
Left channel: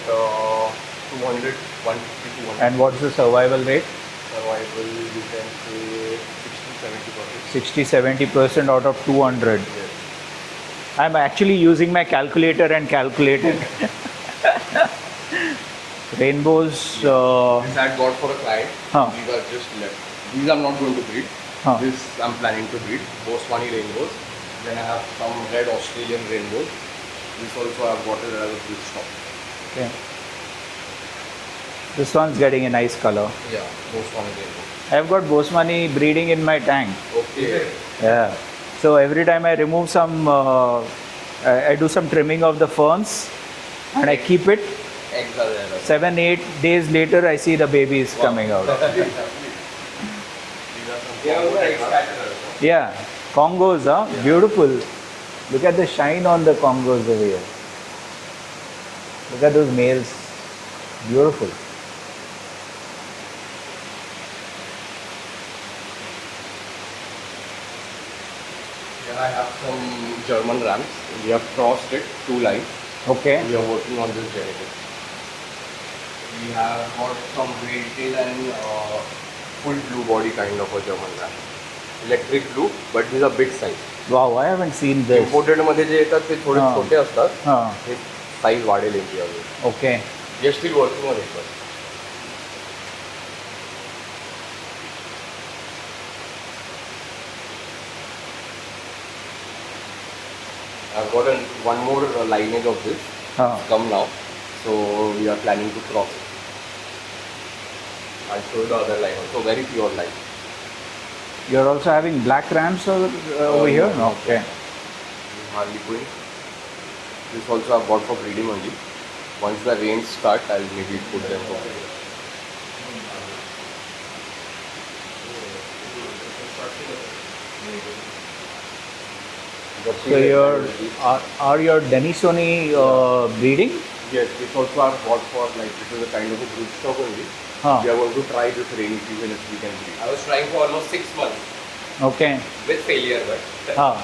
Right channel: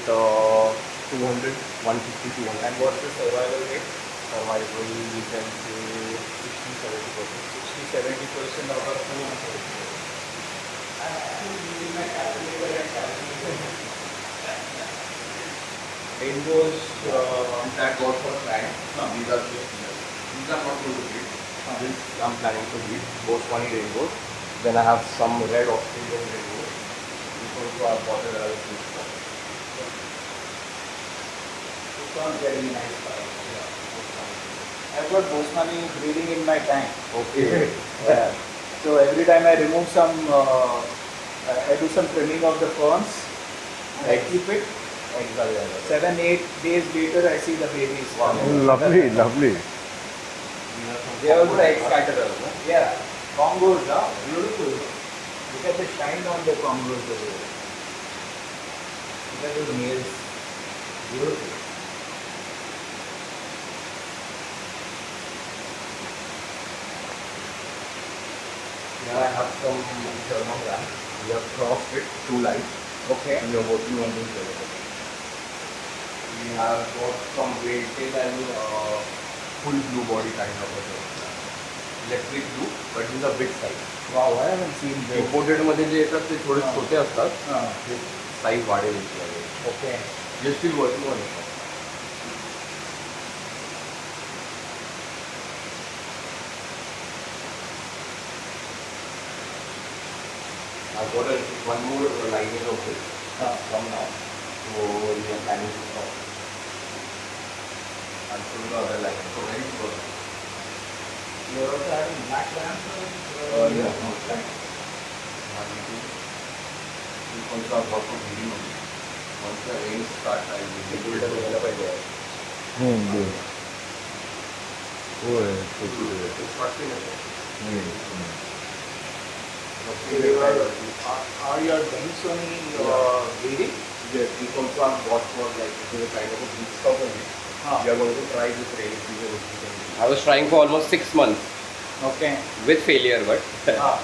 200, 150, 200. And what's the survival rate? Survival, you can say 60-70%. 60-70% out of 200. I'm actually using my calculator and calculating. Rainbows. This I got for a client. Huh. These are just left. These are not going to breed. This I'm planning to breed, Bosmani rainbows. Then I have some red Australian rainbows. This also I've got it as this one. Okay. This one's getting a nice color. Yeah, Bosmani rainbow. I've got Bosmani breeding in my tank. Okay. Yeah. So every time I remove some, I do some trimming of the ferns and I keep it. Eggs are there. 7-8 days later, I see the babies coming out. Lovely, lovely. These are some egg scatterers. Yeah, Congos, huh? Beautiful. Look at the shine on the Congos over here. Look at those males. Beautiful. Then I have some German rams. We have crossed it, 2 lines. Okay. We are working on this genetic. We have got some grade tail and full blue body kind of a German ram. Electric blue, but he's a big size. Wow, I haven't seen this. Imported मध्ये जे येतात ते थोडे हा. छोटे असतात. Huh. हे size वाढेल याची अजून. Okay. We are still working on it. I've got one more lineage of this Huh. come now, so we are planning to cross it. I'll show the other lineage. So very pure line. You're also having black rams over here? No. Okay. Hardly going. This also I've got for breeding only. Once the rains start, I'll breed it with So are your Denisoni breeding? Yes, this also I've bought for like this is a kind of a food stock only. Huh. We are going to try this rainy season if we can. I was trying for almost 6 months Okay. with failure, but Huh.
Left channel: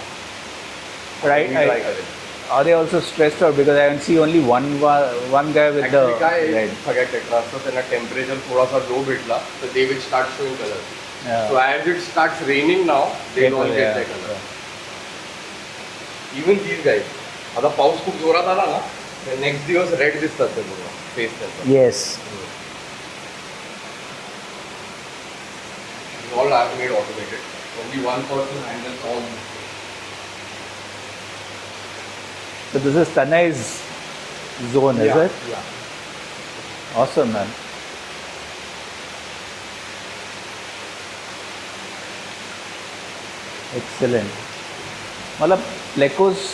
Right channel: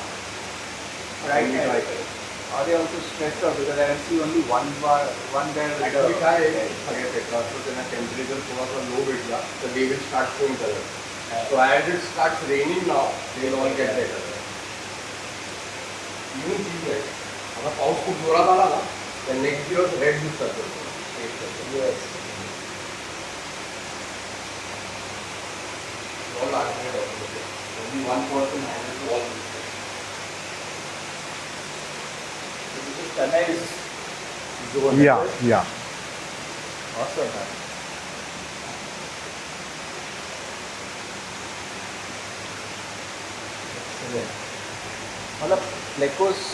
Right. we try it. Are they also stressed out because I can see only one guy with Actually, the काय red. सगळ्या tetras त्यांना temperature थोडासा लो भेटला तर they will start showing color. Yeah. So as it starts raining now, they don't get that color. Even these guys. आता पाऊस खूप जोरात आला ना तर नेक्स्ट दिवस रेड दिसतात फेस त्याचं. Yes. All are made automated. Only one person handles all this. So this is Tanai's zone, Yeah, is it? yeah. Awesome, man. Excellent. मला Plecos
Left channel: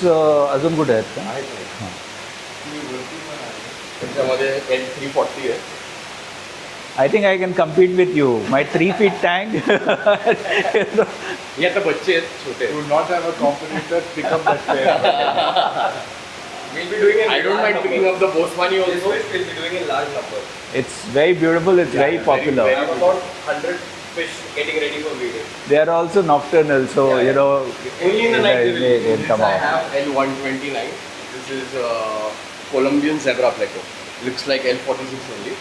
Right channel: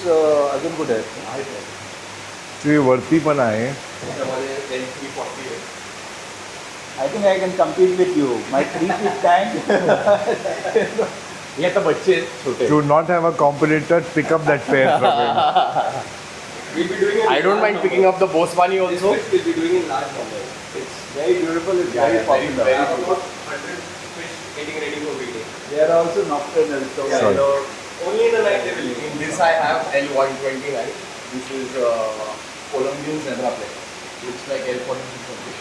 अजून कुठे आहेत का? ते वरती पण आहे. त्याच्यामध्ये L340 आहे. I think I can compete with you. My 3 feet tank. हे आता बच्चे आहेत छोटे. To not have a competitor, pick up that pair for him. We'll be doing I don't mind picking up the Bosmani also. We'll be doing in large numbers. It's very beautiful. It's very popular. We have about 100 fish getting ready for breeding. They are also nocturnal, so Yeah, you know. Only in the night they will. they This come I out. have L129. This is Colombian zebra pleco. Looks like L46 only.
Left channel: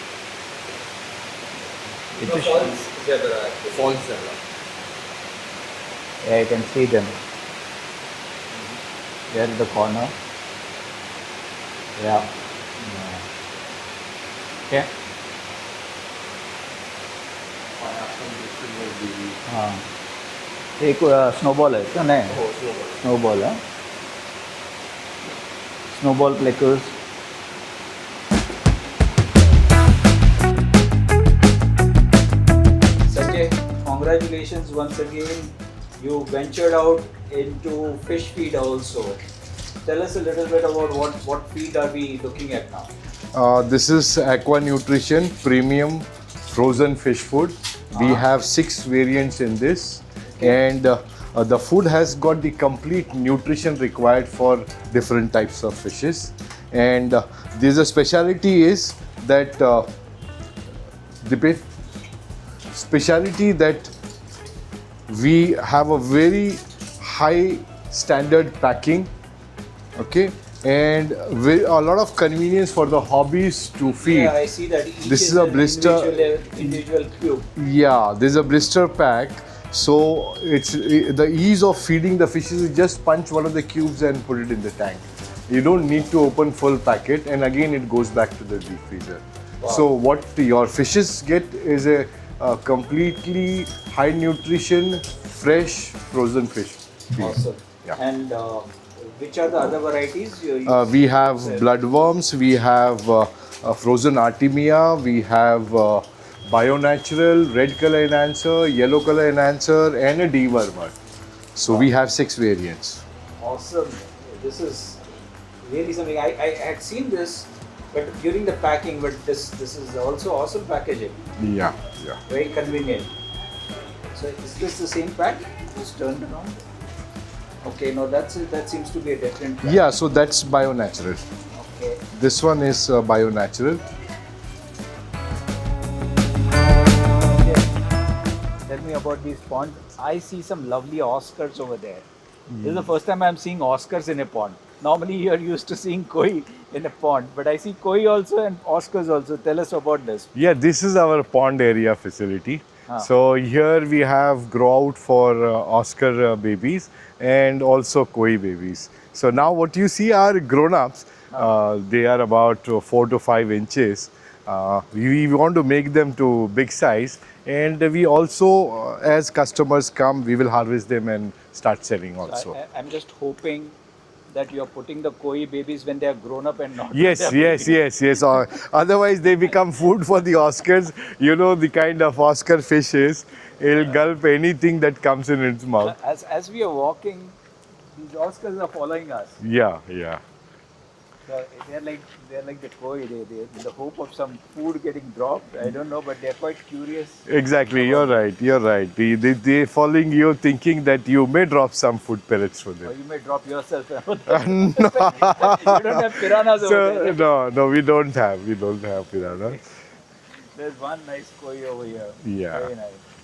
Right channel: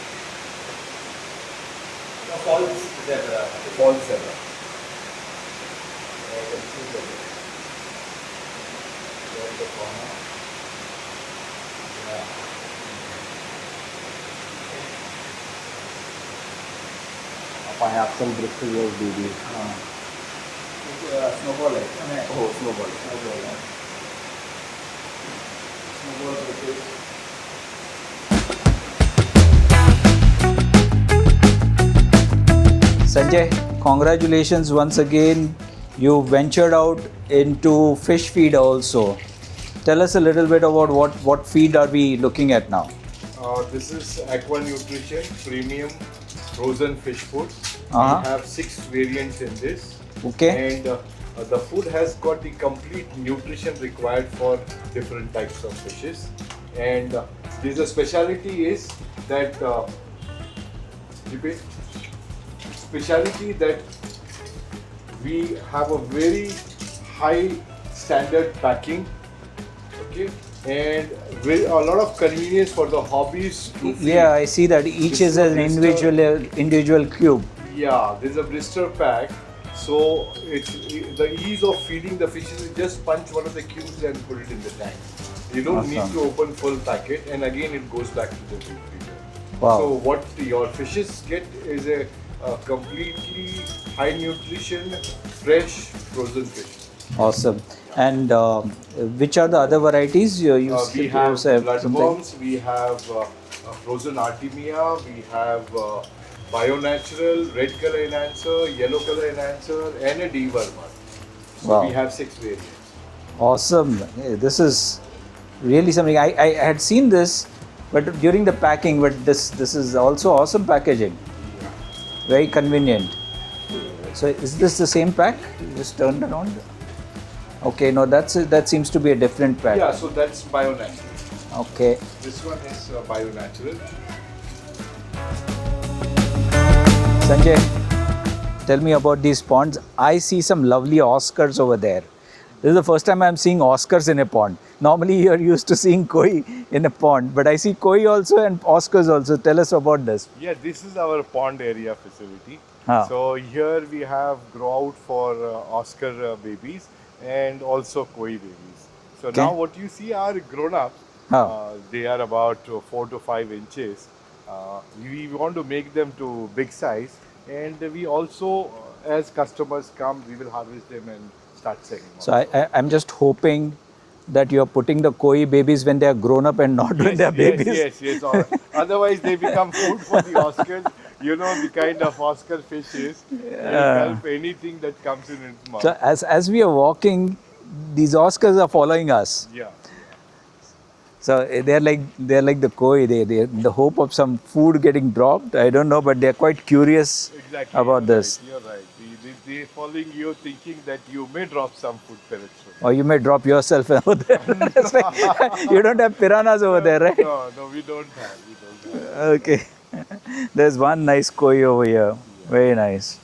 It's a false zebra. False zebra. Yeah, you can see them. There in the corner. Yeah. Okay. I have some Bristol ears baby. हाँ. एक snowball है क्या नहीं? Oh, snowball. Snowball है. Snowball Plecos. Sanjay, congratulations once again. You ventured out into fish feed also. Tell us a little bit about what feed are we looking at now? This is Aqua Nutrition Premium Frozen Fish Food. We have 6 variants in this. Okay. And the food has got the complete nutrition required for different types of fishes. And there's a speciality is that we have a very high standard packing. Okay. And a lot of convenience for the hobbies to feed. Yeah, I see that each This is is a an blister. individual cube. Yeah, there's a blister pack, so it's the ease of feeding the fishes. You just punch one of the cubes and put it in the tank. You don't need to open full packet, and again it goes back to the deep freezer. Wow. So what your fishes get is a completely high nutrition, fresh frozen fish. Awesome. Yeah. And which are the other varieties? We have something? bloodworms, we have frozen artemia, we have bio-natural, red color enhancer, yellow color enhancer, and a dewormer. So we Wow. have 6 variants. Awesome. Hey, this is really something. I had seen this, but during the packing. But this is also awesome packaging. Yeah, yeah. Very convenient. So is this the same pack? Just turned it on. Okay, no, that seems to be a different pack. Yeah, so that's bio-natural. Okay. This one is bio-natural. Sanjay, tell me about these ponds. I see some lovely Oscars over there. This is the first time I'm seeing Oscars in a pond. Normally you're used to seeing koi in a pond, but I see koi also and Oscars also. Tell us about this. Yeah, this is our pond area facility. Ah. So here we have grow out for Oscar babies and also koi babies. So now what you see are grown-ups. Ah. They are about 4 to 5 inches. We want to make them to big size, and we also, as customers come, we will harvest them and start selling also. So I'm just hoping that you're putting the koi babies when they are grown up and not when Yes, they're yes, babies. yes. Otherwise, they become food for the Oscars. You know the kind of Oscar fish is. It'll gulp anything that comes in its mouth. So as we are walking, these Oscars are following us. Yeah, yeah. So they're like the koi. They're in the hope of some food getting dropped. I don't know, but they're quite curious. Exactly, about you're this. right, you're right. They're following you thinking that you may drop some food pellets for them. Or you may drop yourself over there. You don't have piranhas over there, right? No, we don't have. Okay. There's one nice koi over here. Yeah. Very nice.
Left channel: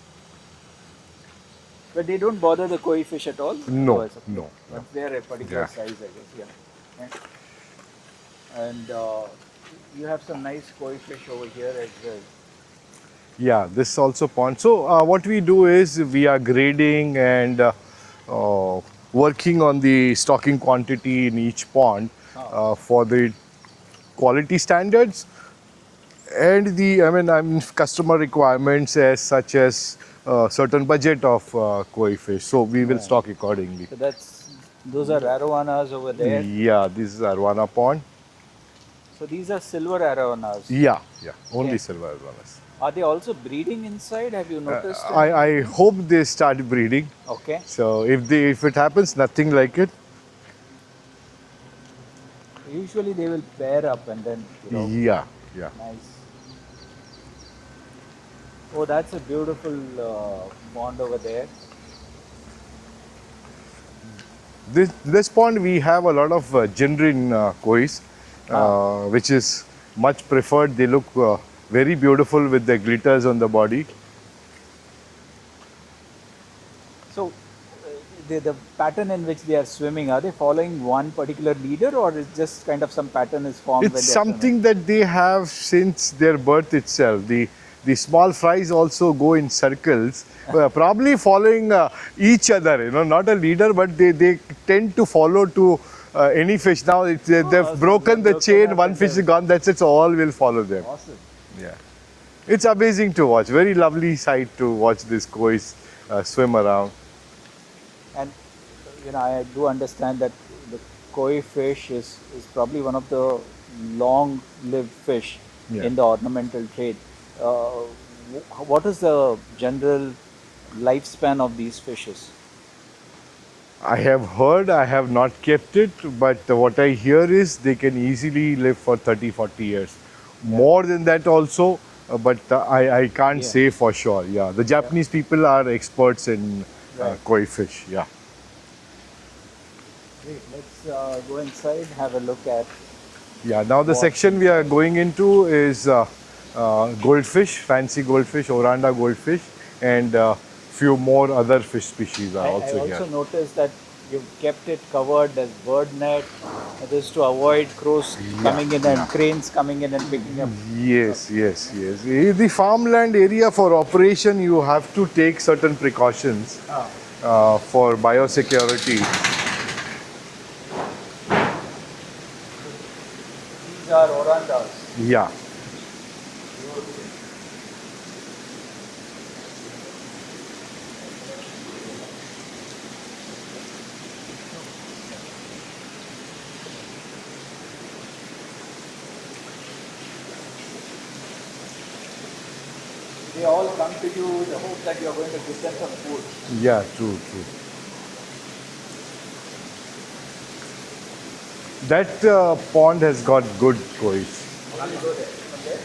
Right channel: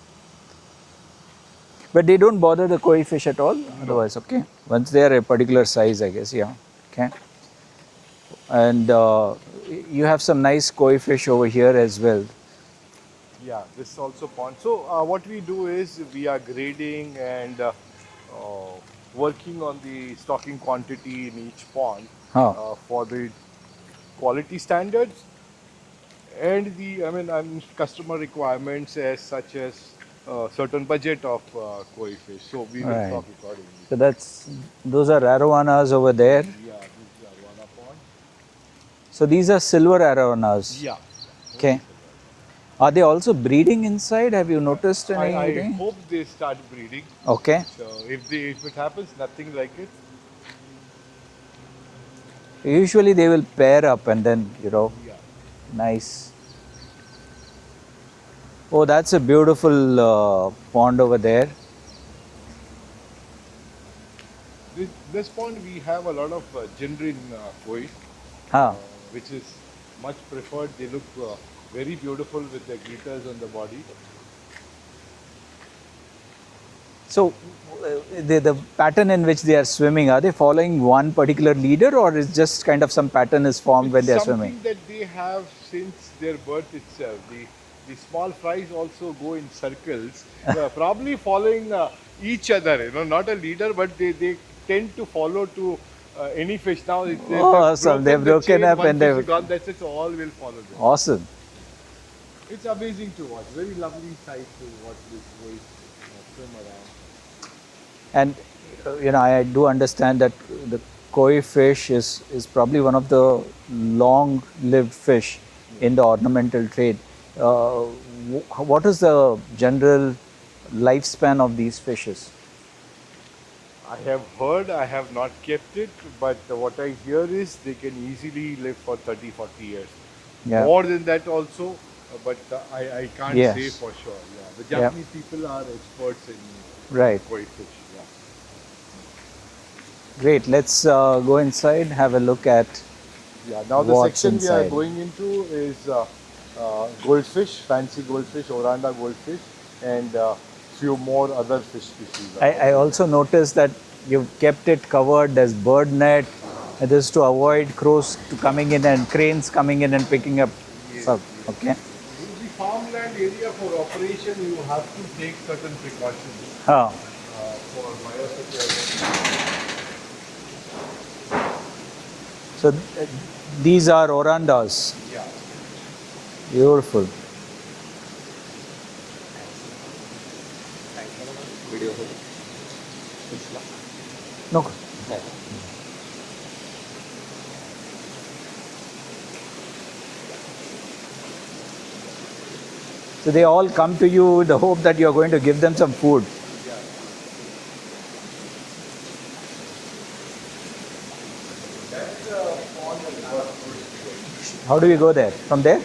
But they don't bother the koi fish at all? No, Oh, it's okay. no. Once they're a particular size, I guess, yeah. Okay. And you have some nice koi fish over here as well. Yeah, this is also pond. So what we do is we are grading and working on the stocking quantity in each pond for the quality standards and the customer requirements as such as certain budget of koi fish. So we will Right. stock accordingly. So those are arowanas over there. Yeah, this is Arowana pond. So these are silver arowanas. Yeah, only Okay. silver Arowanas. Are they also breeding inside? Have you noticed? I anything? hope they start breeding. Okay. So if it happens, nothing like it. Usually they will pair up and then, Yeah. nice. Oh, that's a beautiful pond over there. This pond we have a lot of Jinrin kois, which is much preferred. They look very beautiful with the glitters on the body. So the pattern in which they are swimming, are they following one particular leader or is just kind of some pattern is formed when It's they are something swimming? that they have since their birth itself. The small fries also go in circles, probably following each other. Not a leader, but they tend to follow to any fish. Now they've so broken they've the broken chain. up One and fish is they've- gone. That's it. So all will follow them. Awesome. Yeah, it's amazing to watch. Very lovely sight to watch these kois swim around. And I do understand that the koi fish is probably one of the long-lived fish in the ornamental trade. What is the general lifespan of these fishes? I have heard, I have not kept it, but what I hear is they can easily live for 30, 40 years. Yeah. More than that also, but I can't Yes. say for sure. Yeah, the Japanese people are experts in Right. koi fish. Yeah. Great. Let's go inside, have a look at. Yeah, now the What's section we are inside? going into is goldfish, fancy goldfish, Oranda goldfish, and few more other fish species. Are I also here. noticed that you've kept it covered. There's bird net. This is to avoid crows coming in and cranes coming in and picking up. Yes, stuff. yes, Okay. yes. In the farmland area for operation, you have to take certain precautions Oh. for biosecurity. So these are orandas. Yeah. Beautiful. video. No. So they all come to you with the hope that you're going to give them some food. Yeah, true, true. That pond has got good koi. How do we go there? From there?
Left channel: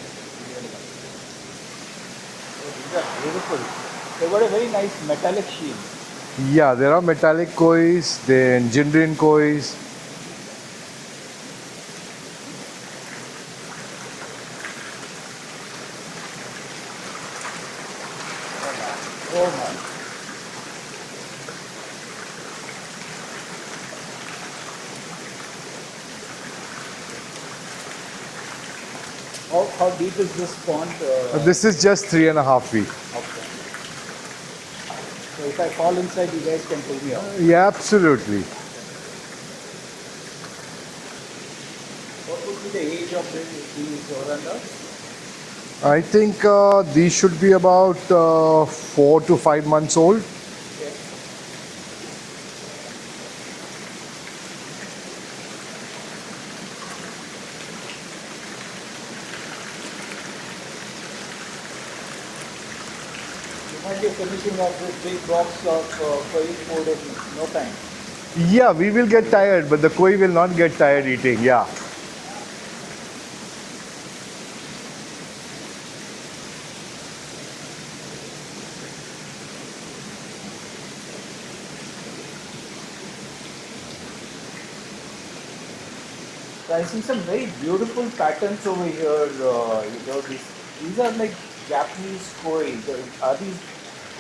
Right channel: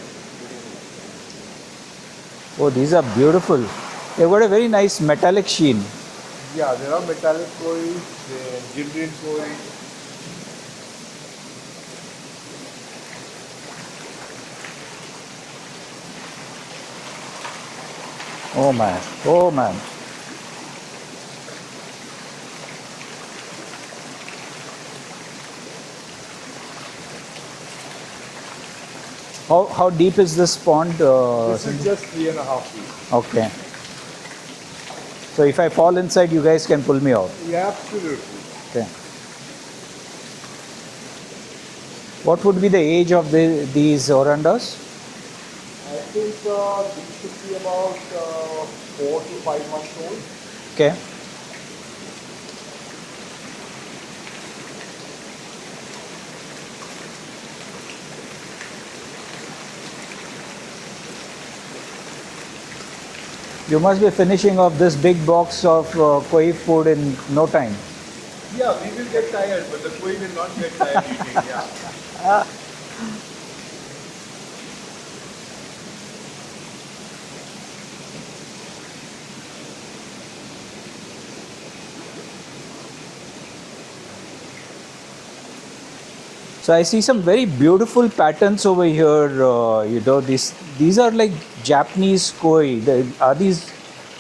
Oh, these are beautiful. They've got a very nice metallic sheen. Yeah, there are metallic kois, the Nigerian kois. Oh man, oh man. How deep is this pond? This is just 3.5 feet. Okay. So if I fall inside, you guys can pull me out. Yeah, absolutely. Okay. What would be the age of these orandas? I think these should be about 4 to 5 months old. Okay. You must be finishing off this big box of koi food in no time. Yeah, we will get tired, but the koi will not get tired eating. Yeah. So I see some very beautiful patterns over here. These are like Japanese koi. Are these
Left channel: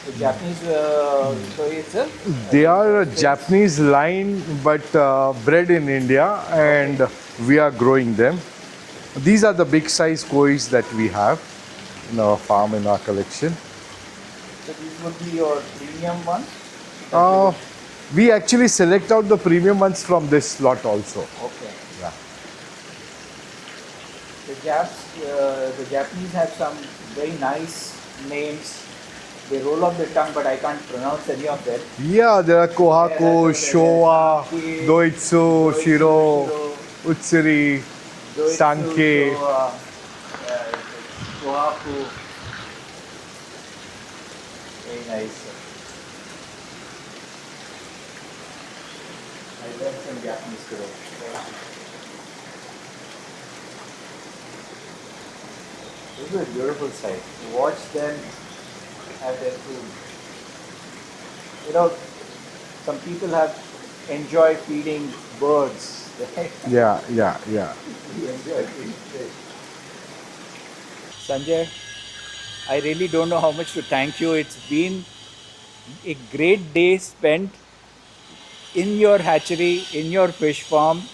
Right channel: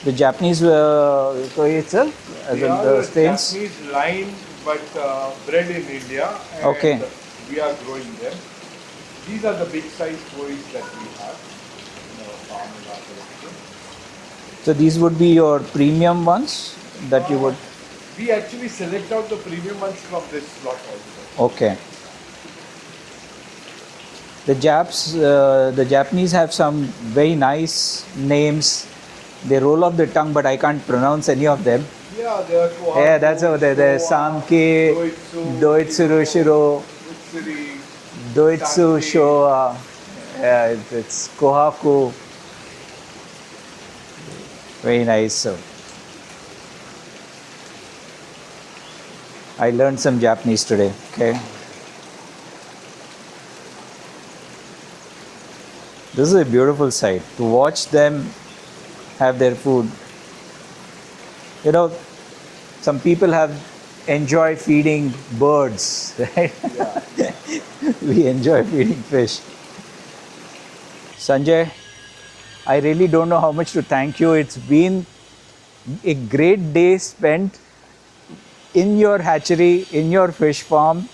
the Japanese koi itself? They are a Stains? Japanese line, but bred in India, and Okay. we are growing them. These are the big size kois that we have in our farm, in our collection. So these would be your premium ones that you would. We actually select out the premium ones from this lot also. Okay. The the Japanese have some very nice names. They roll off the tongue, but I can't pronounce any of them. Yeah, there are Yeah, that's Kohaku, what there's Showa, Sanke, Doitsu, Shiro, Shiro, Utsuri, Doitsu, Sanke. Showa. Yeah, it's Kohaku. Very nice. So I learned some Japanese today. Okay. This is a beautiful sight to watch them have their food. You know, some people have enjoyed feeding birds, right? Yeah, yeah, yeah. We enjoy feeding fish. Sanjay, I really don't know how much to thank you. It's been a great day spent in your hatchery, in your fish farm,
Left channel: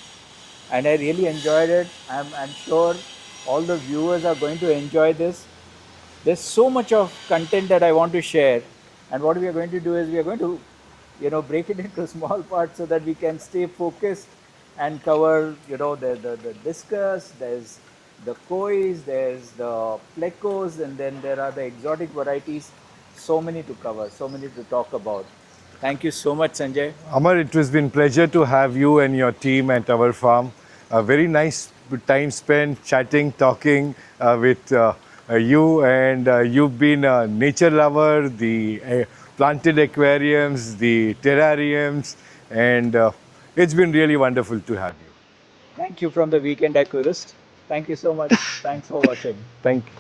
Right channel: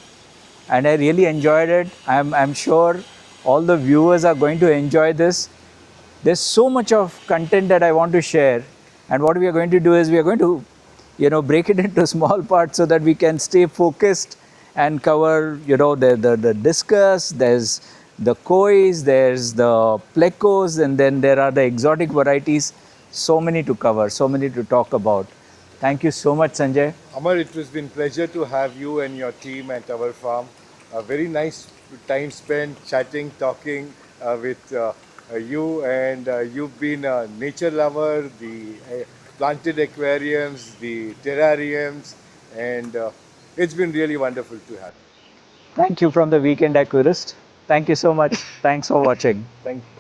and I really enjoyed it. I'm sure all the viewers are going to enjoy this. There's so much of content that I want to share, and what we are going to do is we are going to, break it into small parts so that we can stay focused and cover, the discus. There's the kois, there's the plecos, and then there are the exotic varieties. So many to cover, so many to talk about. Thank you so much, Sanjay. Amar, it has been pleasure to have you and your team at our farm. A very nice time spent chatting, talking with you, and you've been a nature lover, the planted aquariums, the terrariums, and it's been really wonderful to have you. Thank you from the Weekend Aquarist. Thank you so much. Thanks for watching. Thank you.